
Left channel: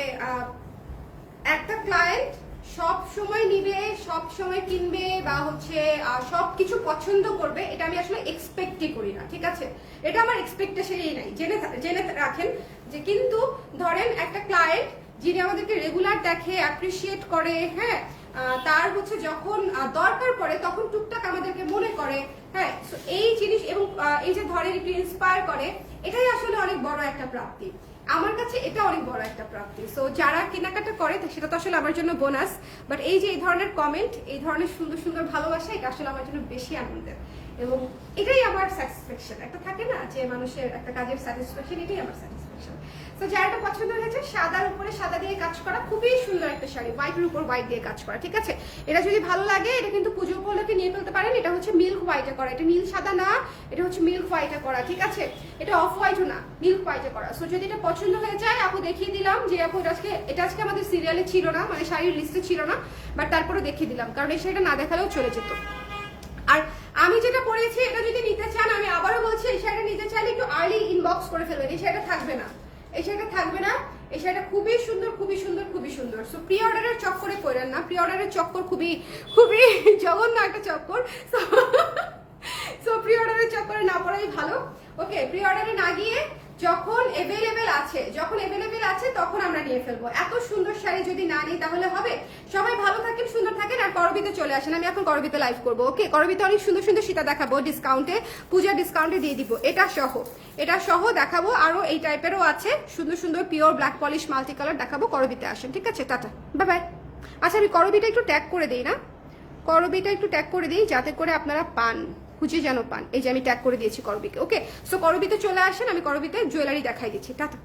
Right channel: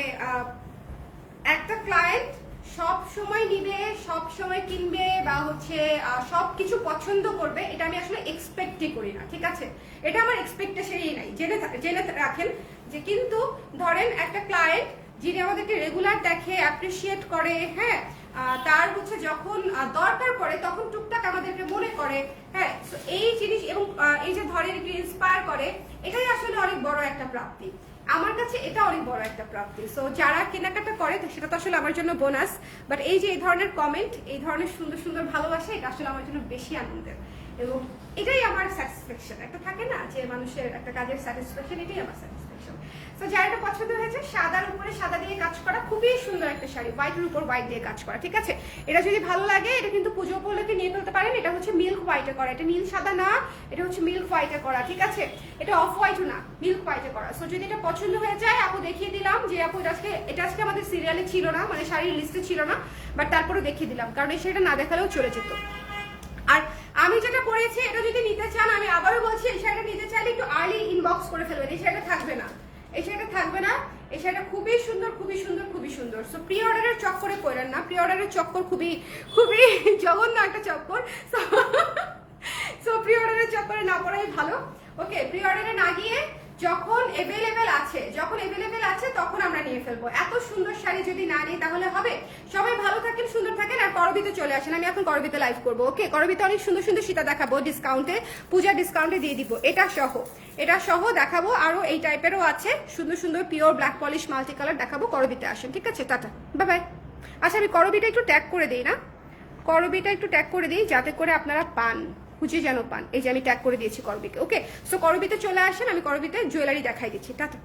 একটা ক্লায়েন্ট সব সময় নিবে, সব সময় কিনবে, বা হচ্ছে সবকিছু পছন্দ করবে, এটা আমি আসলে এক্সপেক্টই করি না, ঠিক আছে? এটা আমার এক্সপেকটেশনই নাই, জেনে রাখেন যে, কিন্তু ধরেন একটা ক্লায়েন্ট যিনি আমাদেরকে রেগুলার দেখে, অ্যাপ্রিসিয়েট করে, হ্যাঁ, তার হচ্ছে যখন দরকার পড়ে তখন টুকটাক আমাদেরকে মনে করে, হ্যাঁ, এই জিনিস, এবং এই যে ধরেন একটু ইন্সপায়ার করে, এটাই আসলে অনেক বড় একটা প্রাপ্তি। আমার কাছে এটা অনেক বড় একটা প্রাপ্তি। সো যারা কেনাকাটা করে সেটা তো আসলে আমার জন্য বোনাস, বাট এই যে এই ধরনের কমেন্ট, এই ধরনের সুন্দর সুন্দর ভালোবাসা, এটা আসলে আমার জন্য বেশি আনন্দের, এবং এটাই আমার স্যাটিসফ্যাকশন। একটা থাকে না যে মানুষের একটা কাজের স্যাটিসফ্যাকশন, এটাই আমার স্যাটিসফ্যাকশন। তো যার এটা পছন্দ হয়েছে, সাদার উপরে সাদা দিয়ে কাজ করা, খুবই সুন্দর একটা শাড়ি, হোয়াইটের উপর হোয়াইট দিয়ে কাজ করা, ঠিক আছে? এটা যদি ভালো লাগে, এটা কিন্তু পুজো উপলক্ষে নিয়ে ফেলতে পারেন। এটা হচ্ছে মিল্ক হোয়াইটে করা, এটা নীল সাদা না, এটা হচ্ছে মিল্ক হোয়াইটে করা, ঠিক আছে? এটা অফ হোয়াইটও না, মিল্ক হোয়াইটে করা। সো যদি এটা পছন্দ হয়ে যায়, আপু দেখিয়ে দিলাম যে আপু এটা আজকে আমাদের সিরিয়ালে ছিল না, মানে শাড়ির লিস্টে ছিল না, বাট তারপরে দেখিয়ে দিলাম, কারণ এই শাড়িটা না দেখালেও চলে যেত। আর আমি যেটা পরেছি, এটা যদি নিতে চান, আমি আবারও বলছি, এই শাড়িটা নিতে চাইলে একটু আর্লি ইনবক্স করে ফেলবেন। এই শাড়িটা থাকবে না, এই শাড়িটা থাকবে না, এই শাড়িটা খুবই সুন্দর, খুবই সুন্দর, খুবই সুন্দর। সো প্রি অর্ডারের চক্করে পড়েন না, প্রি অর্ডারের চক্কর খুবই খুবই জঘন্য একটা চক্কর। সো প্রি অর্ডারের চক্করে না পড়াই ভালো। ওকে, প্রি অর্ডারে না গিয়ে যখন এভেলেবেল আছে তখন আমরা নিয়ে ফেলবো। এত সুন্দর শাড়ি যদি না নিই তাহলে হবে? সবাই ভালো থাকেন, সুন্দর থাকেন, আর করবিতে চলে আসেন। আমি এখন করবিতে লাইভ করবো। ওকে, করবিতে অনেক সুন্দর সুন্দর সীতা দেখাবো ডিসকাউন্টে, পূজার ডিসকাউন্টে দিয়ে দিব। এটা সহ দেখাবো, আরো এই টাইপেরও আছে সুন্দর সুন্দর pure black polish multi colour দেখাবো। করবিতে আসেন, ঠিক আছে? Tata, bye bye. আচ্ছা, আমি করবিটা একটু ট্যাগ করে দিই না, করবিটা একটু ট্যাগ করে দিই, যাতে করে আপনারা পান, খুঁজে যেন পান। এই যে আমি ট্যাগ করে দিয়েছি করবিতে। ওকে, সো করবিতে চলে আসেন, আমি করবিতে জুয়েলারি দেখাই দিচ্ছি। টাটা।